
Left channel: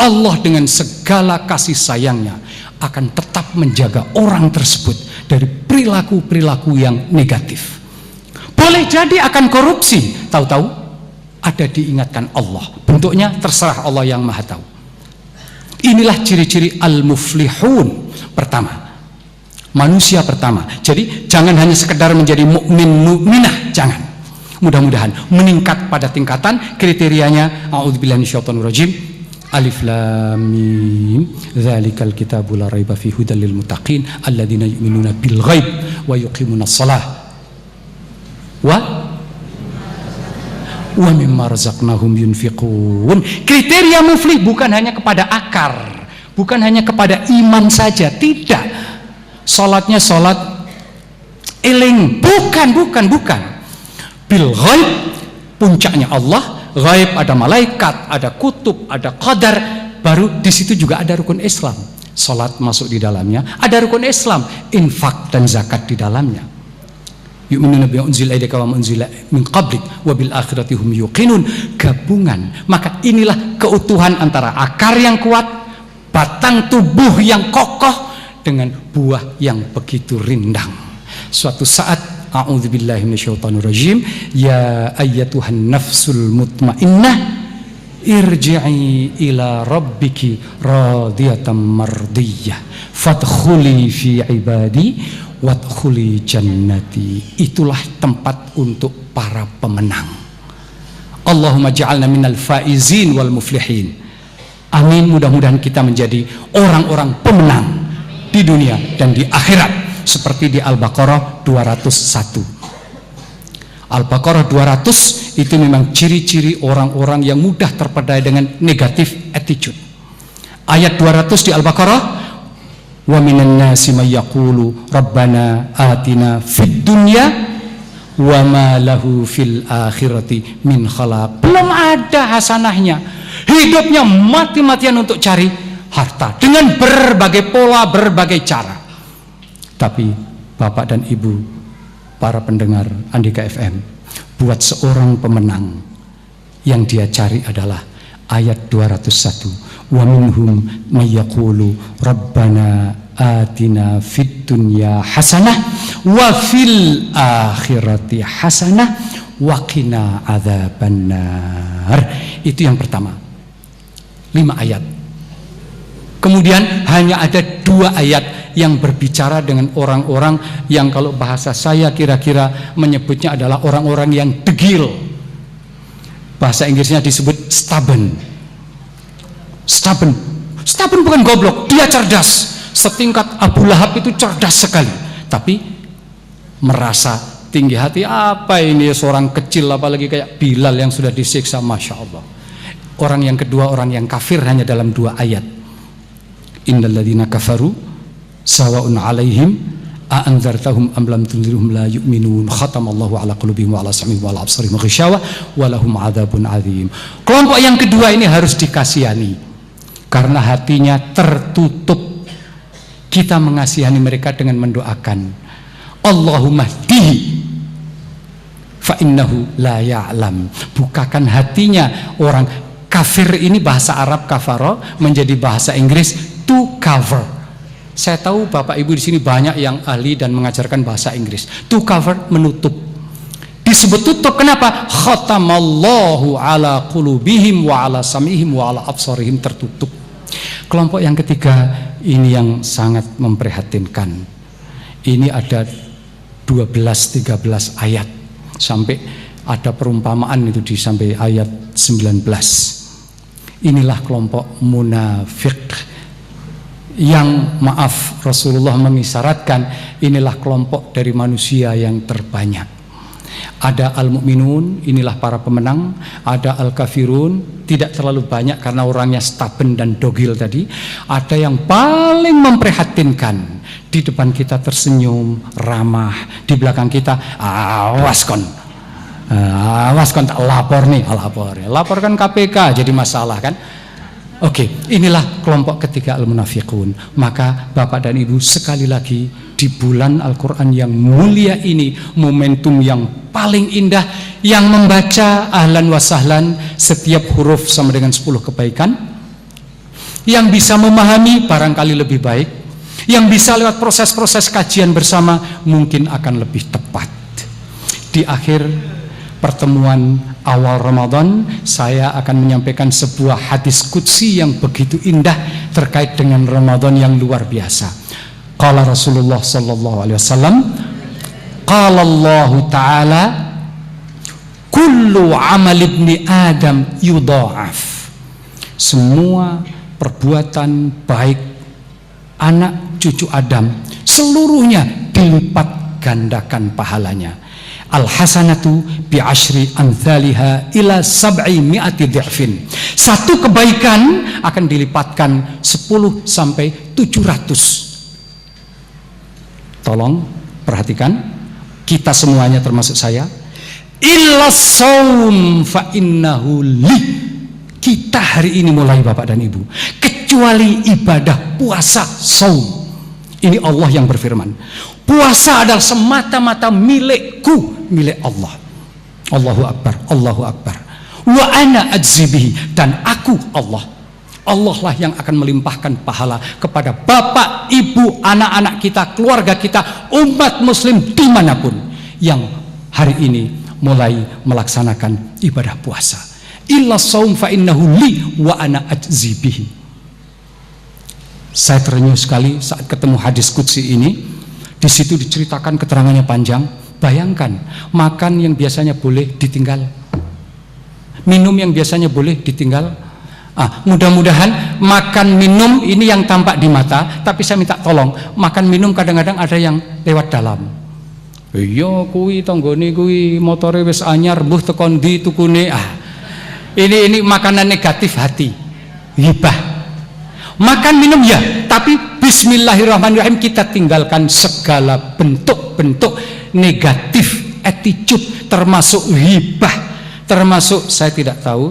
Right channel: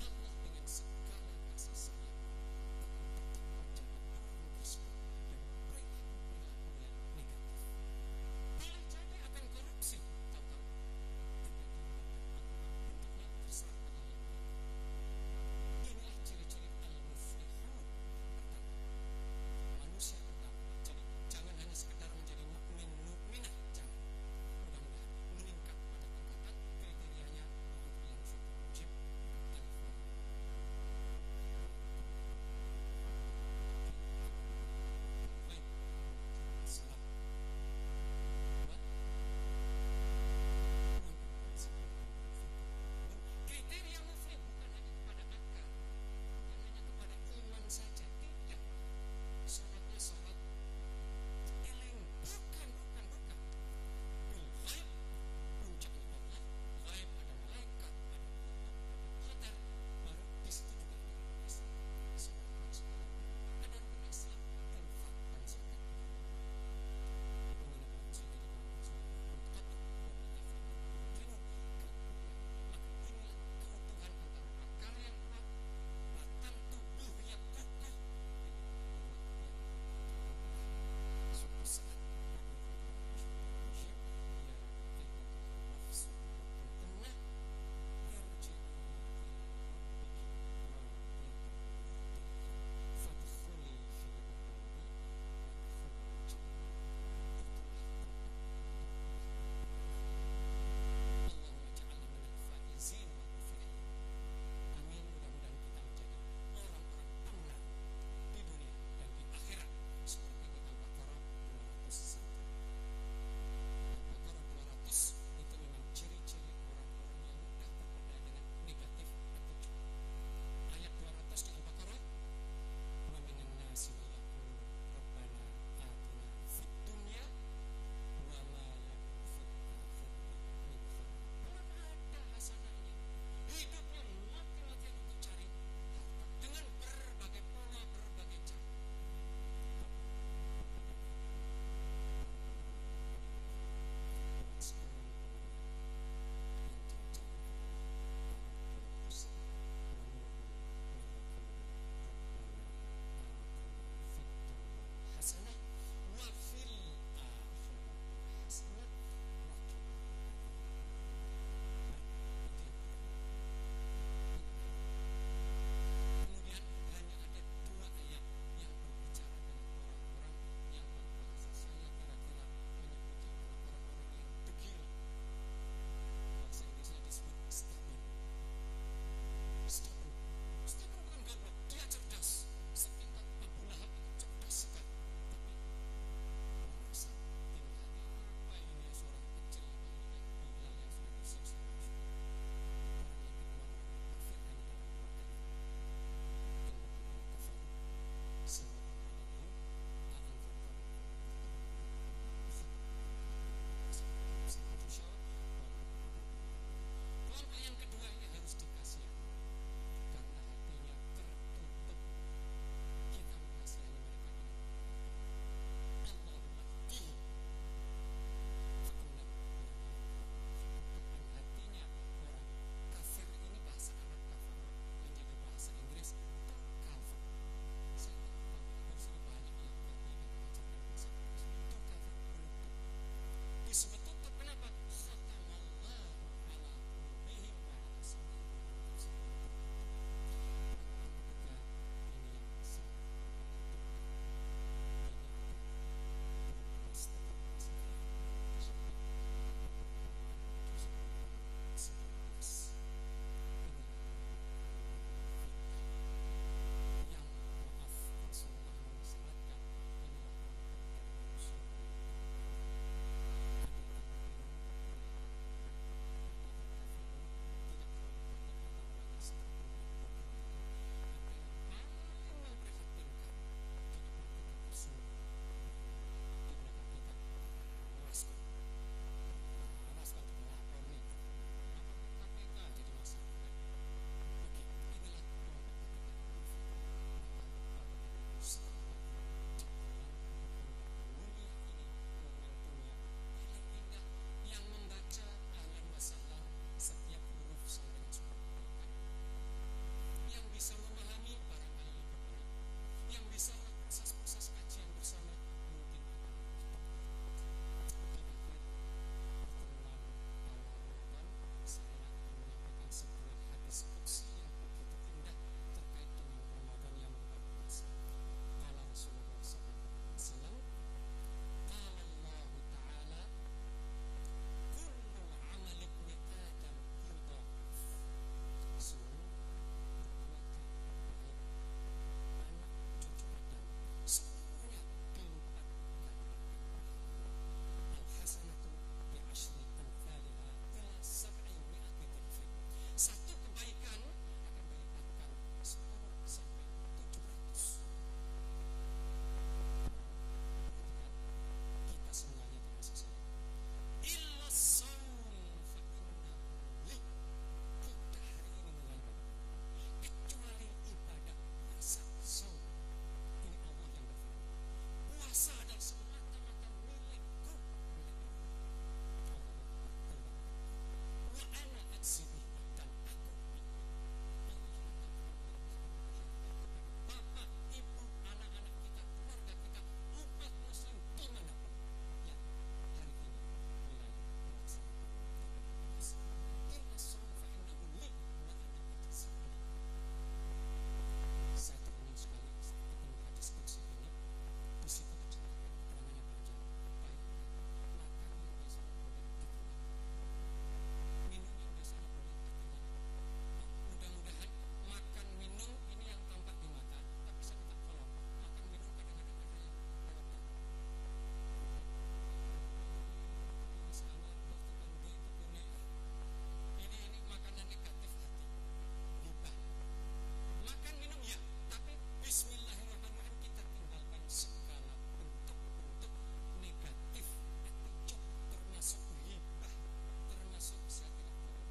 Allah dengan segala kasih sayangnya akan tetap menjaga orang tersebut dari perilaku-perilaku yang negatif. Boleh jadi akan korupsi, tahu-tahu ada diingatkan Allah. Bentuknya terserah Allah yang maha tahu. Inilah ciri-ciri al-muflihun. Pertama, manusia pertama. Jadi jangan hanya sekedar menjadi mukmin mukminah, jangan. Mudah-mudahan meningkat pada tingkatan kriterianya. A'udzubillahi minasyaitonirrajim. Alif lam mim. Dzalikal kitabu la raiba fihi hudal lil muttaqin alladzina yu'minuna bil ghaib wa yuqimunas shalah wa mimma razaqnahum yunfiqun. Kriteria muflih bukan hanya kepada akar, bukan hanya kepada iman saja, tidak. Salatnya salat eling, bukan. Bil ghaib, puncaknya Allah. Ghaib ada malaikat, ada kutub, ada qadar. Baru di situ juga ada rukun Islam. Salat masuk di dalamnya, ada rukun Islam, infak dan zakat di dalamnya. Yu'minuna bima unzila ilaika wa ma unzila min qablik wa bil akhirati hum yuqinun. Gabungan. Maka inilah keutuhan antara akar yang kuat, batang tubuh yang kokoh, dengan buah yang begitu rindang. Suatu saat, a'udzubillahi minasyaitonirrajim, ya ayyatuhan nafsul mutmainnah irji'i ila rabbiki radiyatan mardiyah fadkhuli fi ibadi wadkhuli jannati. Itulah tempat untuk para pemenang. Allahumma ja'alna minal faizin wal muflihin. Amin, mudah-mudahan kita menjadi orang-orang pemenang di dunia dan di akhirat, seperti di Al-Baqarah 201. Al-Baqarah 200 itu memang ciri-ciri orang-orang yang mudah terpedaya dengan negatif attitude. Ayat 200 di Al-Baqarah, wa minan nasi may yaqulu rabbana atina fid dunya wa ma lahu fil akhirati min khalaq. Belum ada hasanahnya, hidupnya mati-matian untuk cari harta dengan berbagai pola, berbagai cara. Tapi Bapak dan Ibu para pendengar Andika FM, buat seorang pemenang, yang dia cari adalah ayat 201, wa minhum may yaqulu rabbana atina fid dunya hasanah wa fil akhirati hasanah wa qina adzabannar. Itu yang pertama, 5 ayat. Kemudian hanya ada 2 ayat yang berbicara dengan orang-orang yang kalau bahasa saya kira-kira menyebutnya adalah orang-orang yang degil. Bahasa Inggrisnya disebut stubborn. Stubborn bukan goblok, dia cerdas. Setingkat Abu Lahab itu cerdas sekali, tapi merasa tinggi hati. Apa ini seorang kecil, apalagi kayak Bilal yang sudah disiksa, Masya Allah. Orang yang kedua, orang yang kafir, hanya dalam 2 ayat. Innal ladzina kafaru sawa'un 'alaihim a anzartahum am lam tunzirhum la yu'minun khatamallahu 'ala qulubihim wa 'ala sam'ihim wa 'ala absarihim ghishawa wa lahum 'adzabun 'adzim. Kelompok yang kedua ini harus dikasihani karena hatinya tertutup. Kita mengasihani mereka dengan mendoakan, Allahumma hdihi fa innahu la ya'lam. Bukakan hatinya orang kafir ini, bahasa Arab kafara menjadi bahasa Inggris to cover. Saya tahu Bapak Ibu di sini banyak yang ahli dan mengajarkan bahasa Inggris. To cover, menutup. Disebut tutup kenapa? Khatamallahu ala qulubihim wa ala sam'ihim wa ala absarihim, tertutup. Kelompok yang ketiga ini yang sangat memprihatinkan. Ini ada 12-13 ayat sampai ada perumpamaan itu di sampai ayat 19. Inilah kelompok munafik yang, maaf, Rasulullah mengisyaratkan inilah kelompok dari manusia yang terbanyak. Ada al-mu'minun, inilah para pemenang. Ada al-kafirun, tidak terlalu banyak karena orangnya stubborn dan dogil tadi. Ada yang paling memprihatinkan, di depan kita tersenyum, ramah, di belakang kita awas kon tak lapor nih, laporkan KPK jadi masalah kan. Oke, inilah kelompok ketiga al-munafiqun. Maka Bapak dan Ibu, sekali lagi di bulan Al-Quran yang mulia ini, momentum yang paling indah, yang membaca ahlan wa sahlan setiap huruf sama dengan 10 kebaikan, yang bisa memahami barangkali lebih baik, yang bisa lewat proses-proses kajian bersama mungkin akan lebih tepat. Di akhir pertemuan awal Ramadan, saya akan menyampaikan sebuah hadis qudsi yang begitu indah terkait dengan Ramadan yang luar biasa. Qala Rasulullah sallallahu alaihi wasallam, qala Allah taala, kullu amal ibni Adam yudha'af. Semua perbuatan baik anak cucu Adam seluruhnya dilipat gandakan pahalanya. Al-hasanatu bi'ashri amthaliha ila 700 dhi'fin. Satu kebaikan akan dilipatkan 10 sampai 700. Tolong perhatikan, kita semuanya termasuk saya. Illa shaum fa innahu li. Kita hari ini mulai Bapak dan Ibu, kecuali ibadah puasa saum. Ini Allah yang berfirman, puasa adalah semata-mata milikku, milik Allah. Allahu Akbar, Allahu Akbar. Wa ana ajzibihi, dan aku Allah. Allah lah yang akan melimpahkan pahala kepada Bapak, Ibu, anak-anak kita, keluarga kita, umat muslim dimanapun yang hari ini mulai melaksanakan ibadah puasa. Illa saum fa innahu li wa ana ajzibihi. Saya terenyuh sekali saat ketemu hadis qudsi ini. Di situ diceritakan, keterangannya panjang. Bayangkan, makan yang biasanya boleh ditinggal, minum yang biasanya boleh ditinggal. Mudah-mudahan makan minum ini yang tampak di mata, tapi saya minta tolong, makan minum kadang-kadang ada yang lewat dalam. Iya kuwi tanggane kuwi motore wis anyar mbuh tekan ndi tukune. Ini makanan negatif hati, ghibah. Makan minum ya, tapi bismillahirrahmanirrahim, kita tinggalkan segala bentuk-bentuk negatif attitude, termasuk ghibah, termasuk saya tahu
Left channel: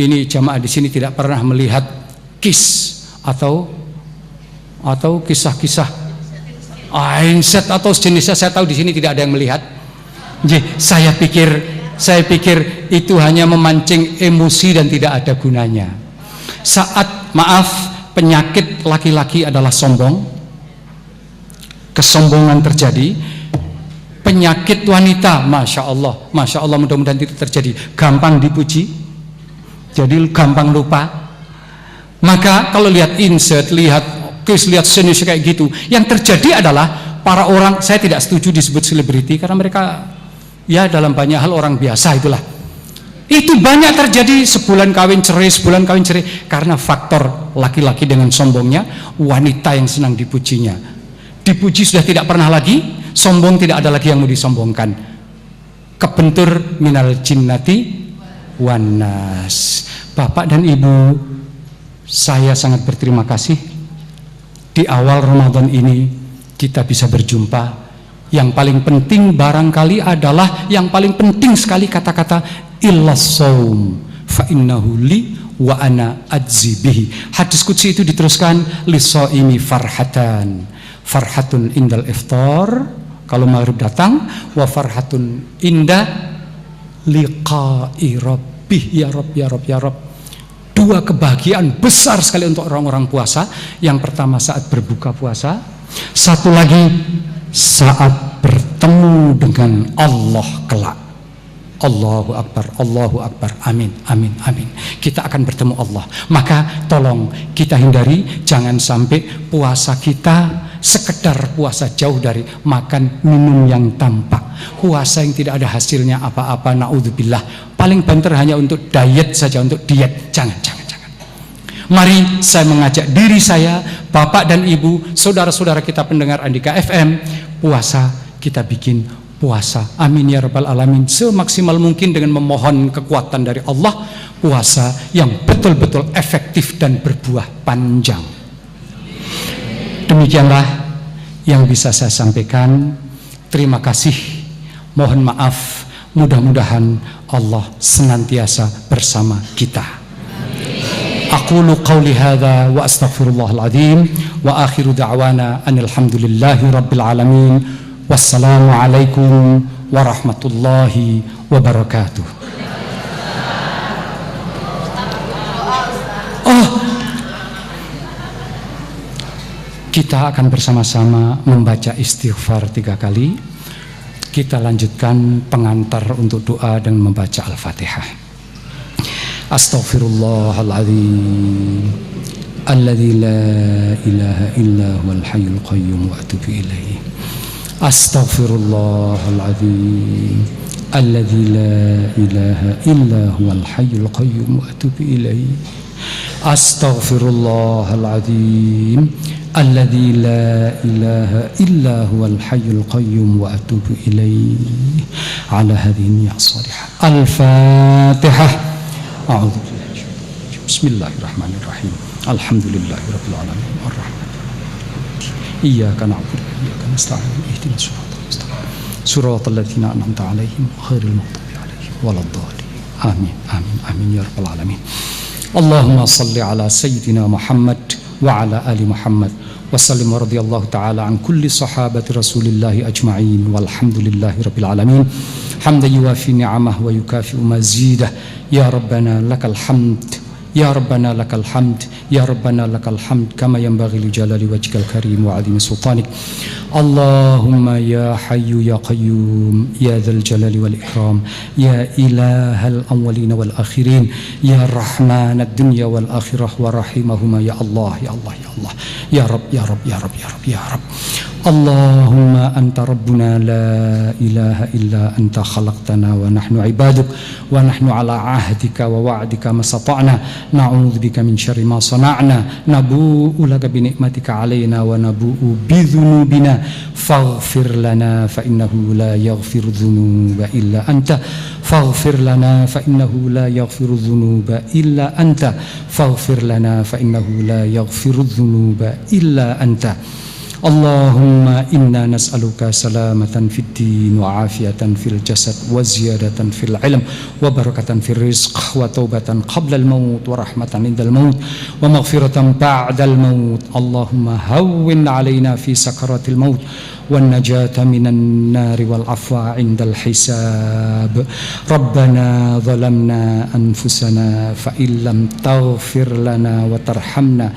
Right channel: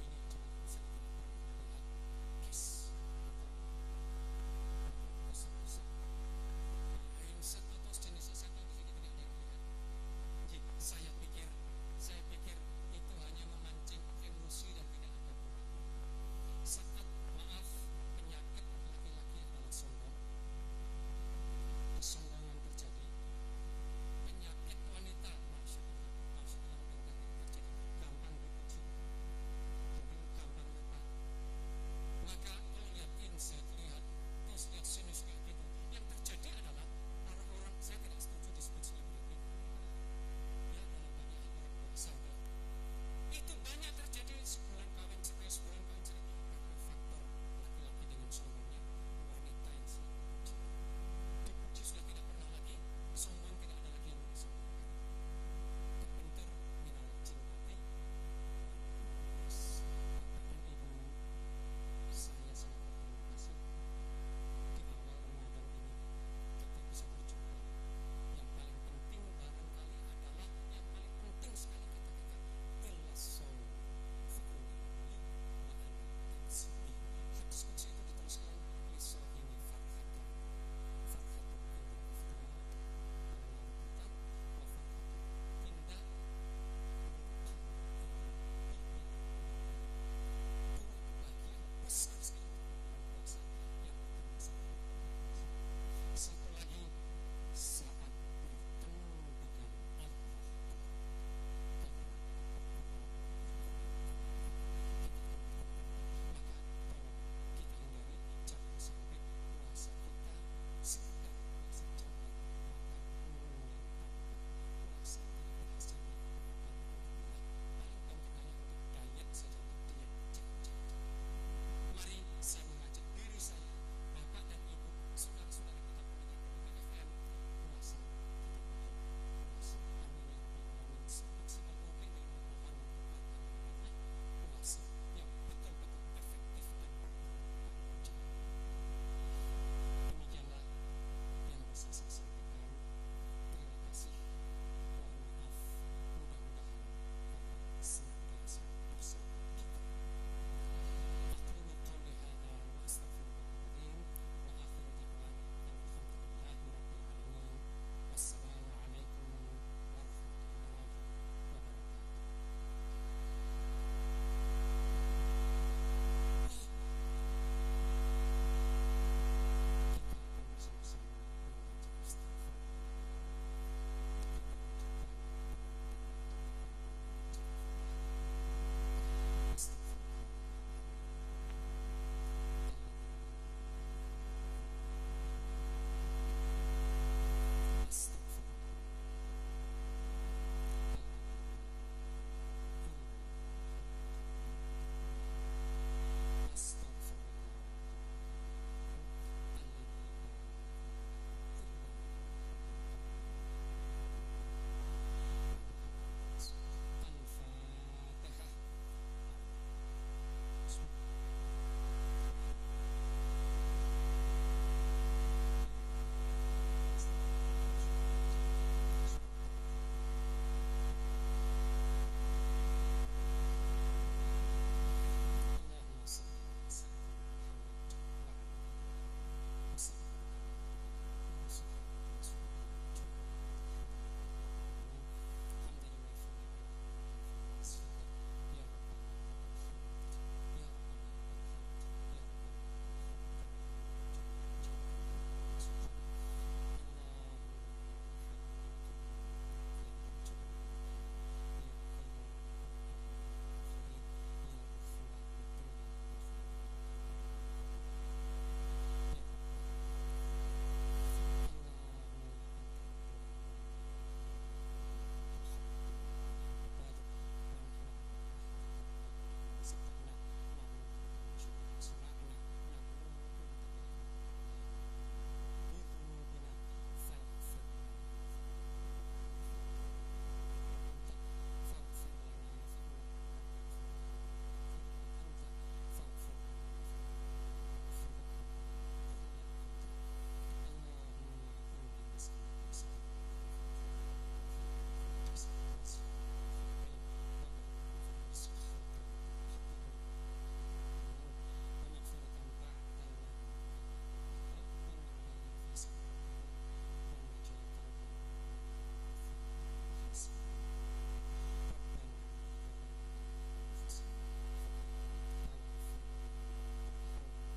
ini jamaah di sini tidak pernah melihat atau kisah-kisah Einset atau sejenisnya, saya tahu di sini tidak ada yang melihat. Saya pikir itu hanya memancing emosi dan tidak ada gunanya. Saat penyakit laki-laki adalah sombong, kesombongan terjadi. Penyakit wanita, masya Allah, mudah-mudahan tidak terjadi. Gampang dipuji, jadi gampang lupa. Maka kalau lihat insert, lihat senius kayak gitu, yang terjadi adalah para orang, saya tidak setuju disebut selebriti karena mereka ya dalam banyak hal orang biasa itulah. Itu banyak terjadi, sebulan kawin cerai karena faktor laki-laki dengan sombongnya, wanita yang senang dipujinya. Dipuji sudah tidak pernah lagi, sombong tidak ada lagi yang mau disombongkan. Kebentur minal jinnati wanas. Bapak dan Ibu, saya sangat berterima kasih di awal Ramadan ini kita bisa berjumpa. Yang paling penting barangkali adalah, yang paling penting sekali kata-kata illas saum fa innahu li wa ana ajzi bihi. Hadis qudsi itu diteruskan lisaimi farhatun indal iftar, kalau maghrib datang, wa farhatun inda liqa'i rabbih. Ya Rabb, dua kebahagiaan besar sekali untuk orang-orang puasa. Yang pertama saat berbuka puasa, satu lagi saat bertemu dengan Allah kelak. Allahu Akbar, amin. Kita akan bertemu Allah. Maka tolong kita hindari, jangan sampai puasa kita sekedar puasa jauh dari makan minum yang tampak, puasa yang tidak ada hasilnya apa-apa, naudzubillah. Paling banter hanya untuk diet saja, untuk diet. Jangan. Mari saya mengajak diri saya, Bapak dan Ibu, saudara-saudara kita pendengar Andika FM, puasa kita bikin puasa, amin ya rabbal alamin, semaksimal mungkin dengan memohon kekuatan dari Allah. Puasa yang betul-betul efektif dan berbuah panjang. Demikianlah yang bisa saya sampaikan. Terima kasih, mohon maaf, mudah-mudahan Allah senantiasa bersama kita. Aqulu qawli hadza wa astaghfirullahal azim wa akhiru da'wana anil hamdulillahi rabbil alamin. Wassalamualaikum warahmatullahi wabarakatuh. Kita akan bersama-sama membaca istighfar 3 kali. Kita lanjutkan pengantar untuk doa dengan membaca Al-Fatihah. Astaghfirullahaladzim alladzi la ilaha illa huwal hayyul qayyum wa atubu ilaihi. Astaghfirullahaladzim alladzi la ilaha illa huwal hayyul qayyum wa atubu ilaihi. Astaghfirullahaladzim alladzi la ilaha illa huwal hayyul qayyum wa atubu ilaihi. Ala hadhihi ya salihah. Al-Fatihah. A'udzubillahi. Bismillahirrahmanirrahim. Alhamdulillahirabbil alamin. Arrahmanirrahim. Iyyaka na'budu wa iyyaka nasta'in. Ihdinas siratal mustaqim. Siratal ladzina an'amta 'alaihim ghairil maghdubi 'alaihim waladdallin. Amin ya rabbal alamin. Allahumma shalli ala sayyidina Muhammad wa ala ali Muhammad wa sallim radhiyallahu ta'ala an kulli sahabati Rasulillahi ajma'in walhamdulillahi rabbil alamin. Hamdan yuwafi ni'amah wa yukafi'u mazidah. Ya Rabbana lakal hamd, ya Rabbana lakal hamd, ya Rabbana lakal hamd kama yanbaghi li jalali wajhikal karim wa 'azimi sultanik. Allahumma ya hayyu ya qayyum ya dzal jalali wal ikram ya ilahal awwalin wal akhirin ya rahmanad dunya wal akhirah wa rahimahuma ya Allah ya Allah ya Allah ya Rabb ya Rabb ya Rabb ya Rabb ya Rabb. Allahumma anta rabbuna la ilaha illa anta khalaqtana wa nahnu ibaduk wa nahnu ala ahdika wa wa'dika masata'na na'udzubika min syarri ma sana'na nabu'u laka bi ni'matika alaina wa nabu'u bi dzunubina faghfir lana fa innahu la yaghfiru dzunuba illa anta faghfir lana fa innahu la yaghfiru dzunuba illa anta faghfir lana fa innahu la yaghfiru dzunuba illa anta Allahumma inna nas'aluka salamatan fid din wa afiyatan fil jasad wa ziyadatan fil ilm wa barakatan fil rizq wa taubatan qabla al maut wa rahmatan indal maut wa maghfiratan ba'dal maut. Allahumma hawwin alaina fi sakaratil maut والنجاة من النار والعفو عند الحساب ربنا ظلمنا أنفسنا فإن لم تغفر لنا وترحمنا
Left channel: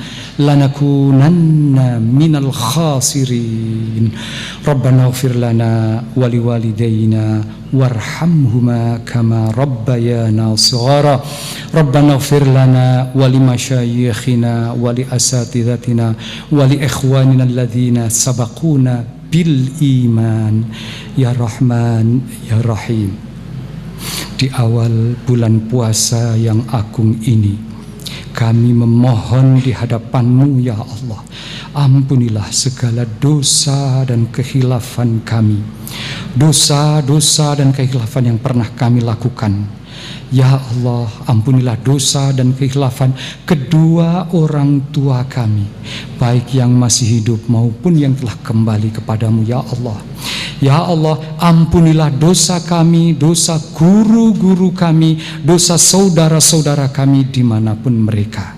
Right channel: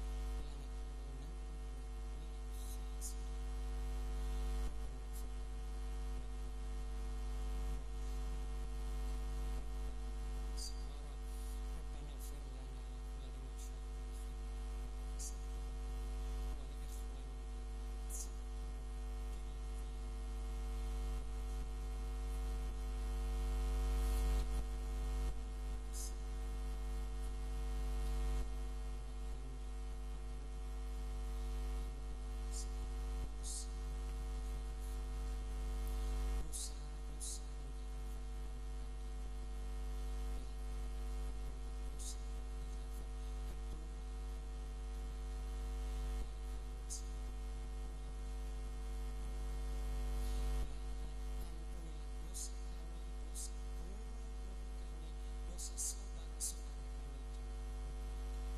لنكونن من الخاسرين ربنا اغفر لنا ولوالدينا وارحمهما كما ربيانا صغارا ربنا اغفر لنا ولمشايخنا ولأساتذتنا ولإخواننا الذين سبقونا bil iman ya Rahman ya Rahim. Di awal bulan puasa yang agung ini kami memohon di hadapan-Mu ya Allah, ampunilah segala dosa dan kekhilafan kami, dosa-dosa dan kekhilafan yang pernah kami lakukan. Ya Allah, ampunilah dosa dan kekhilafan kedua orang tua kami, baik yang masih hidup maupun yang telah kembali kepadamu ya Allah. Ya Allah, ampunilah dosa kami, dosa guru-guru kami, dosa saudara-saudara kami dimanapun mereka.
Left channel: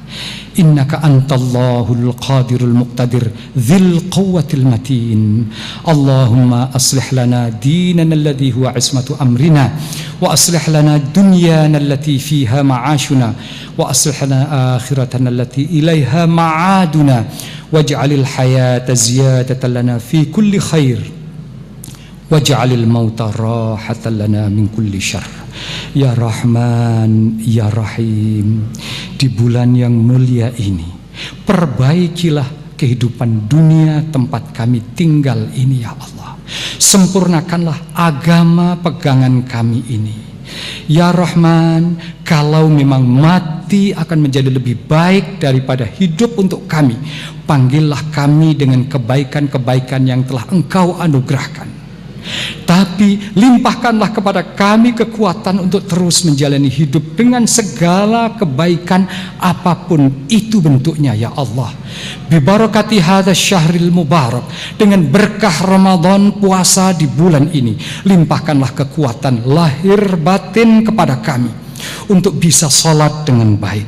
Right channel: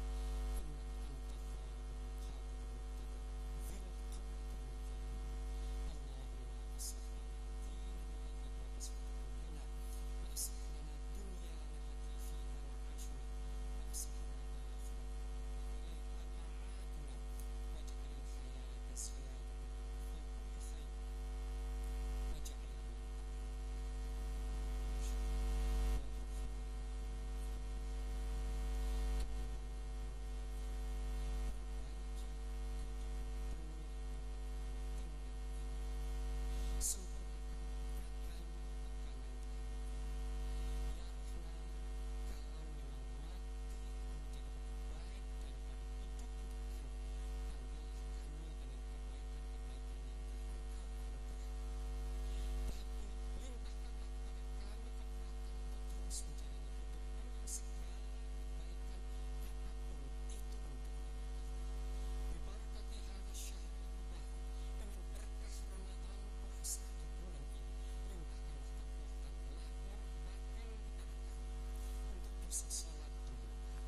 Innaka antallahul qadirul muqtadir dzil quwwatil matin. Allahumma aslih lana dinana alladhi huwa ismatu amrina wa aslih lana dunyana allati fiha ma'ashuna wa aslih lana akhiratana allati ilaiha ma'aduna waj'alil hayata ziyadatan lana fi kulli khair waj'alil mauta rahatan lana min kulli syarr. Ya Rahman, Ya Rahim, di bulan yang mulia ini perbaikilah kehidupan dunia tempat kami tinggal ini ya Allah. Sempurnakanlah agama pegangan kami ini. Ya Rahman, kalau memang mati akan menjadi lebih baik daripada hidup untuk kami, panggillah kami dengan kebaikan-kebaikan yang telah Engkau anugerahkan. Tapi limpahkanlah kepada kami kekuatan untuk terus menjalani hidup dengan segala kebaikan apapun itu bentuknya ya Allah. Bibarakati hadzal syahril mubarak, dengan berkah Ramadan puasa di bulan ini, limpahkanlah kekuatan lahir batin kepada kami untuk bisa sholat dengan baik,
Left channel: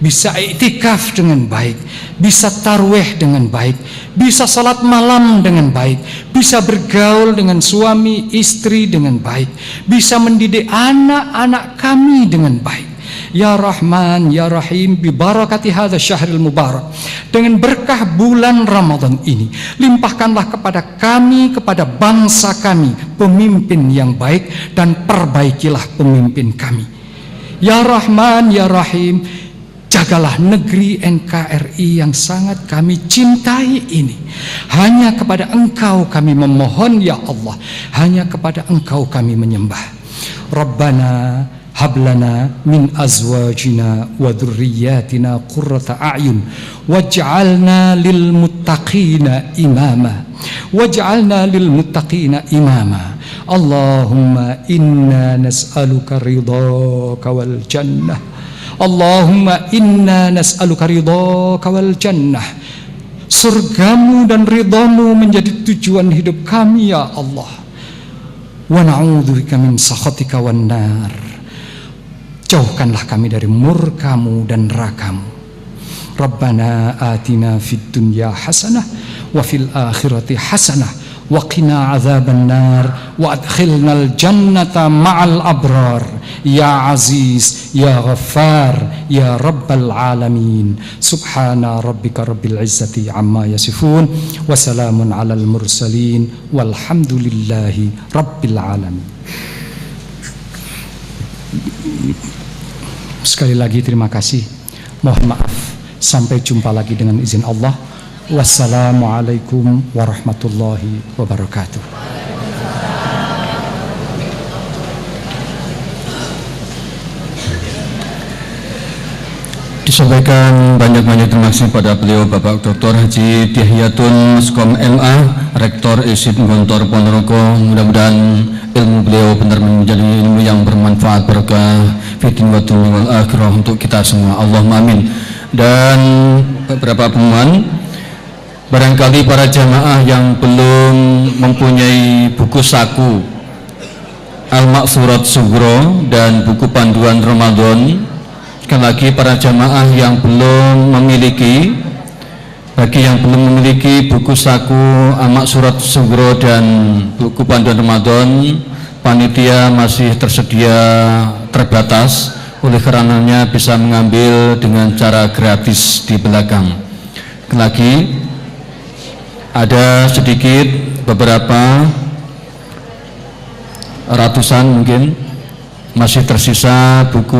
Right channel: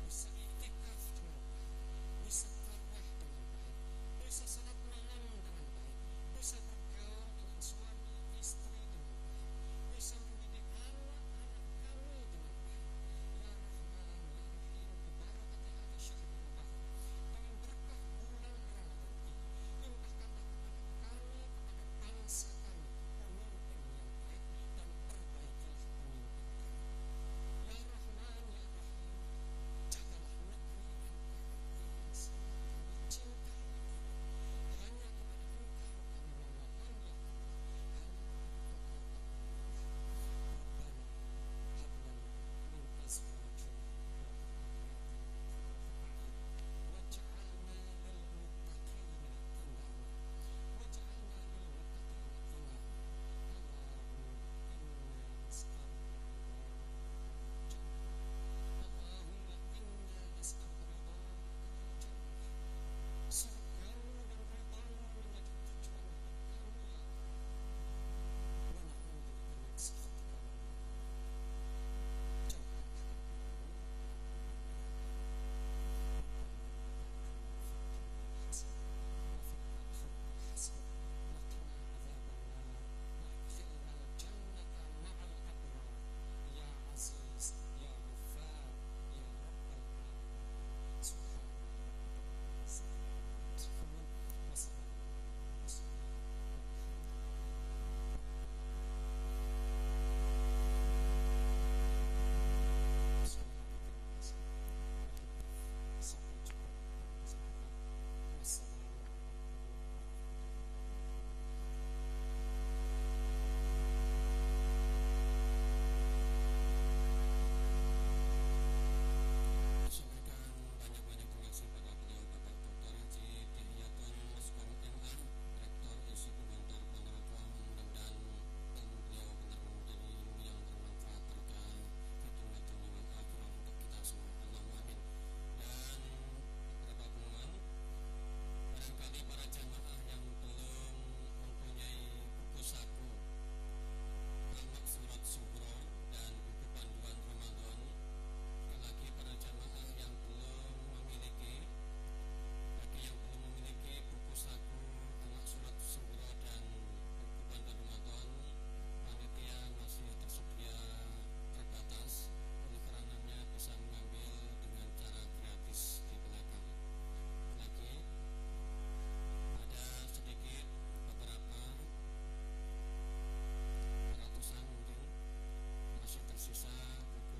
bisa iktikaf dengan baik, bisa tarwih dengan baik, bisa salat malam dengan baik, bisa bergaul dengan suami istri dengan baik, bisa mendidik anak-anak kami dengan baik. Ya Rahman, Ya Rahim, bibarakati hadzal syahril mubarak, dengan berkah bulan Ramadan ini, limpahkanlah kepada kami, kepada bangsa kami, pemimpin yang baik, dan perbaikilah pemimpin kami. Ya Rahman, Ya Rahim, jagalah negeri NKRI yang sangat kami cintai ini. Hanya kepada Engkau kami memohon ya Allah, hanya kepada Engkau kami menyembah. Rabbana hablana min azwajina wa dhurriyyatina qurrata a'yun waj'alna lil muttaqina imama waj'alna lil muttaqina imama. Allahumma inna nas'aluka ridhaka wal jannah. Allahumma inna nas'aluka ridhaka wal jannah. Surgamu dan ridhamu menjadi tujuan hidup kami ya Allah. Wa na'udzubika min sakhatika wan nar. Jauhkanlah kami dari murkamu dan nerakamu. Rabbana atina fid dunya hasanah wa fil akhirati hasanah wa qina adzaban nar wa adkhilnal jannata ma'al abrar ya aziz ya ghaffar ya rabbal alamin. Subhana rabbika rabbil izzati amma yasifun wa salamun alal mursalin walhamdulillahi rabbil alamin. Sekali lagi terima kasih, mohon maaf, sampai jumpa lagi dengan izin Allah. Wassalamualaikum warahmatullahi wabarakatuh. Disampaikan banyak-banyak terima kasih pada beliau Bapak Dr. Haji Dihyatun Muskom MA, Rektor ISIP Gontor Ponorogo. Mudah-mudahan ilmu beliau benar menjadi ilmu yang bermanfaat, berkah fitin wa dunya wal akhirah untuk kita semua. Allahumma amin. Dan beberapa pengumuman, barangkali para jamaah yang belum mempunyai buku saku Al-Maksurat Sugro dan buku panduan Ramadan, sekali lagi para jamaah yang belum memiliki, bagi yang belum memiliki buku saku Amak Surat Sugro dan buku panduan Ramadan, panitia masih tersedia terbatas, oleh karenanya bisa mengambil dengan cara gratis di belakang. Sekali lagi ada sedikit beberapa ratusan mungkin masih tersisa buku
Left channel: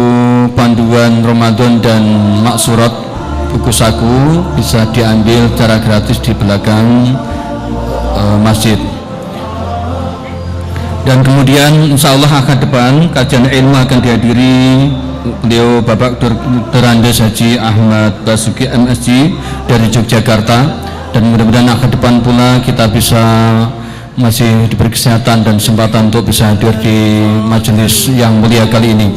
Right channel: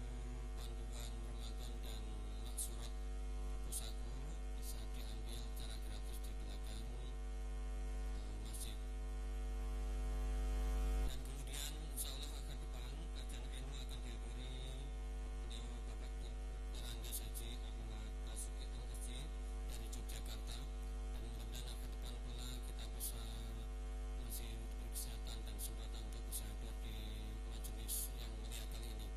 panduan Ramadan dan Maksurat buku saku, bisa diambil secara gratis di belakang masjid. Dan kemudian insya Allah akan depan kajian ilmu akan dihadiri beliau Bapak Dr. Andes Haji Ahmad Basuki MSc dari Yogyakarta, dan mudah-mudahan akan depan pula kita bisa masih diberi kesehatan dan kesempatan untuk bisa hadir di majelis yang mulia kali ini.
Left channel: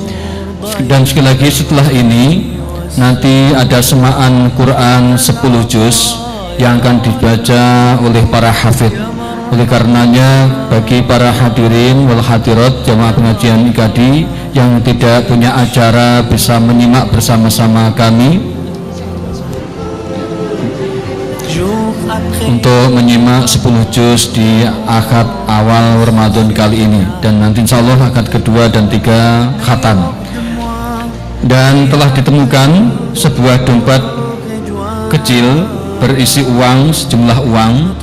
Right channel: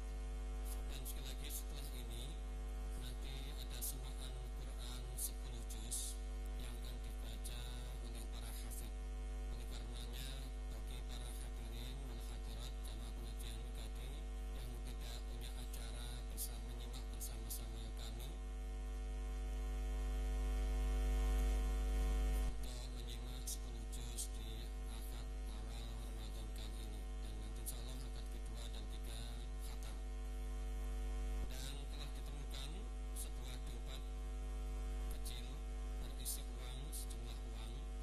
Dan sekali lagi setelah ini nanti ada semaan Quran 10 juz yang akan dibaca oleh para hafidh. Oleh karenanya bagi para hadirin wal hadirat jamaah pengajian IKADI yang tidak punya acara bisa menyimak bersama-sama kami untuk menyimak 10 juz di akad awal Ramadan kali ini, dan nanti insya Allah akad kedua dan 3 khatam. Dan telah ditemukan sebuah dompet kecil berisi uang, sejumlah uang.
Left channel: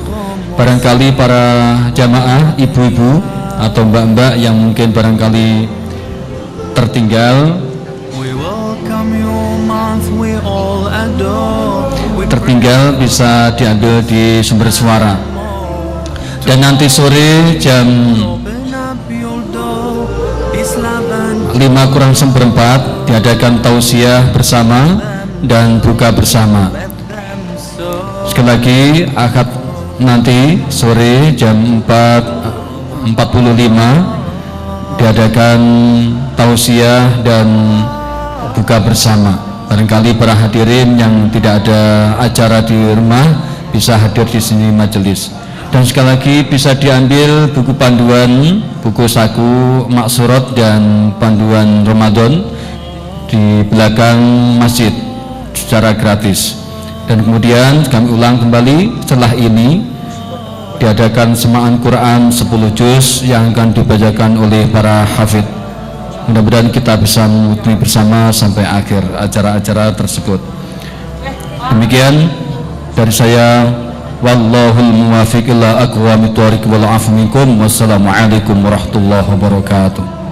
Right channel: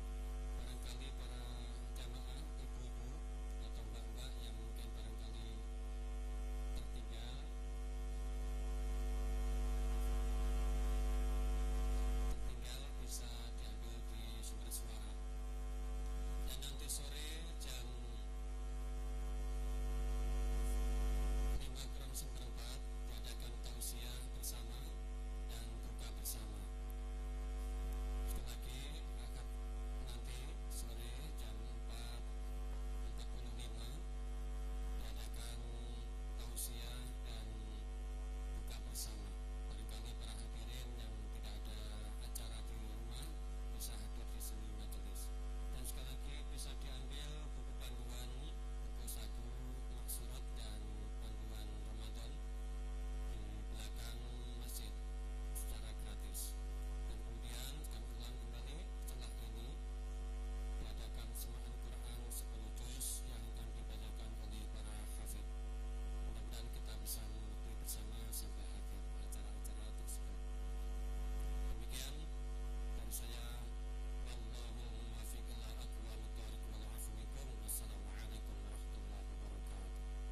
Barangkali para jamaah ibu-ibu atau mbak-mbak yang mungkin barangkali tertinggal bisa diambil di sumber suara. Dan nanti sore jam 5 kurang seperempat diadakan tausiah bersama dan buka bersama. Sekali lagi akad nanti sore jam 4.45 diadakan tausiah dan buka bersama. Barangkali para hadirin yang tidak ada acara di rumah bisa hadir di sini majelis. Dan sekali lagi bisa diambil buku panduan, buku saku Maksurat dan panduan Ramadan di belakang masjid secara gratis. Dan kemudian kami ulang kembali, setelah ini diadakan semaan Quran 10 juz yang akan dibacakan oleh para hafidh. Mudah-mudahan kita bisa mengikuti bersama sampai akhir acara-acara tersebut. Demikian dari saya, wallahul muwaffiq ila aqwamit thoriq wal afu minkum. Wassalamualaikum warahmatullahi wabarakatuh.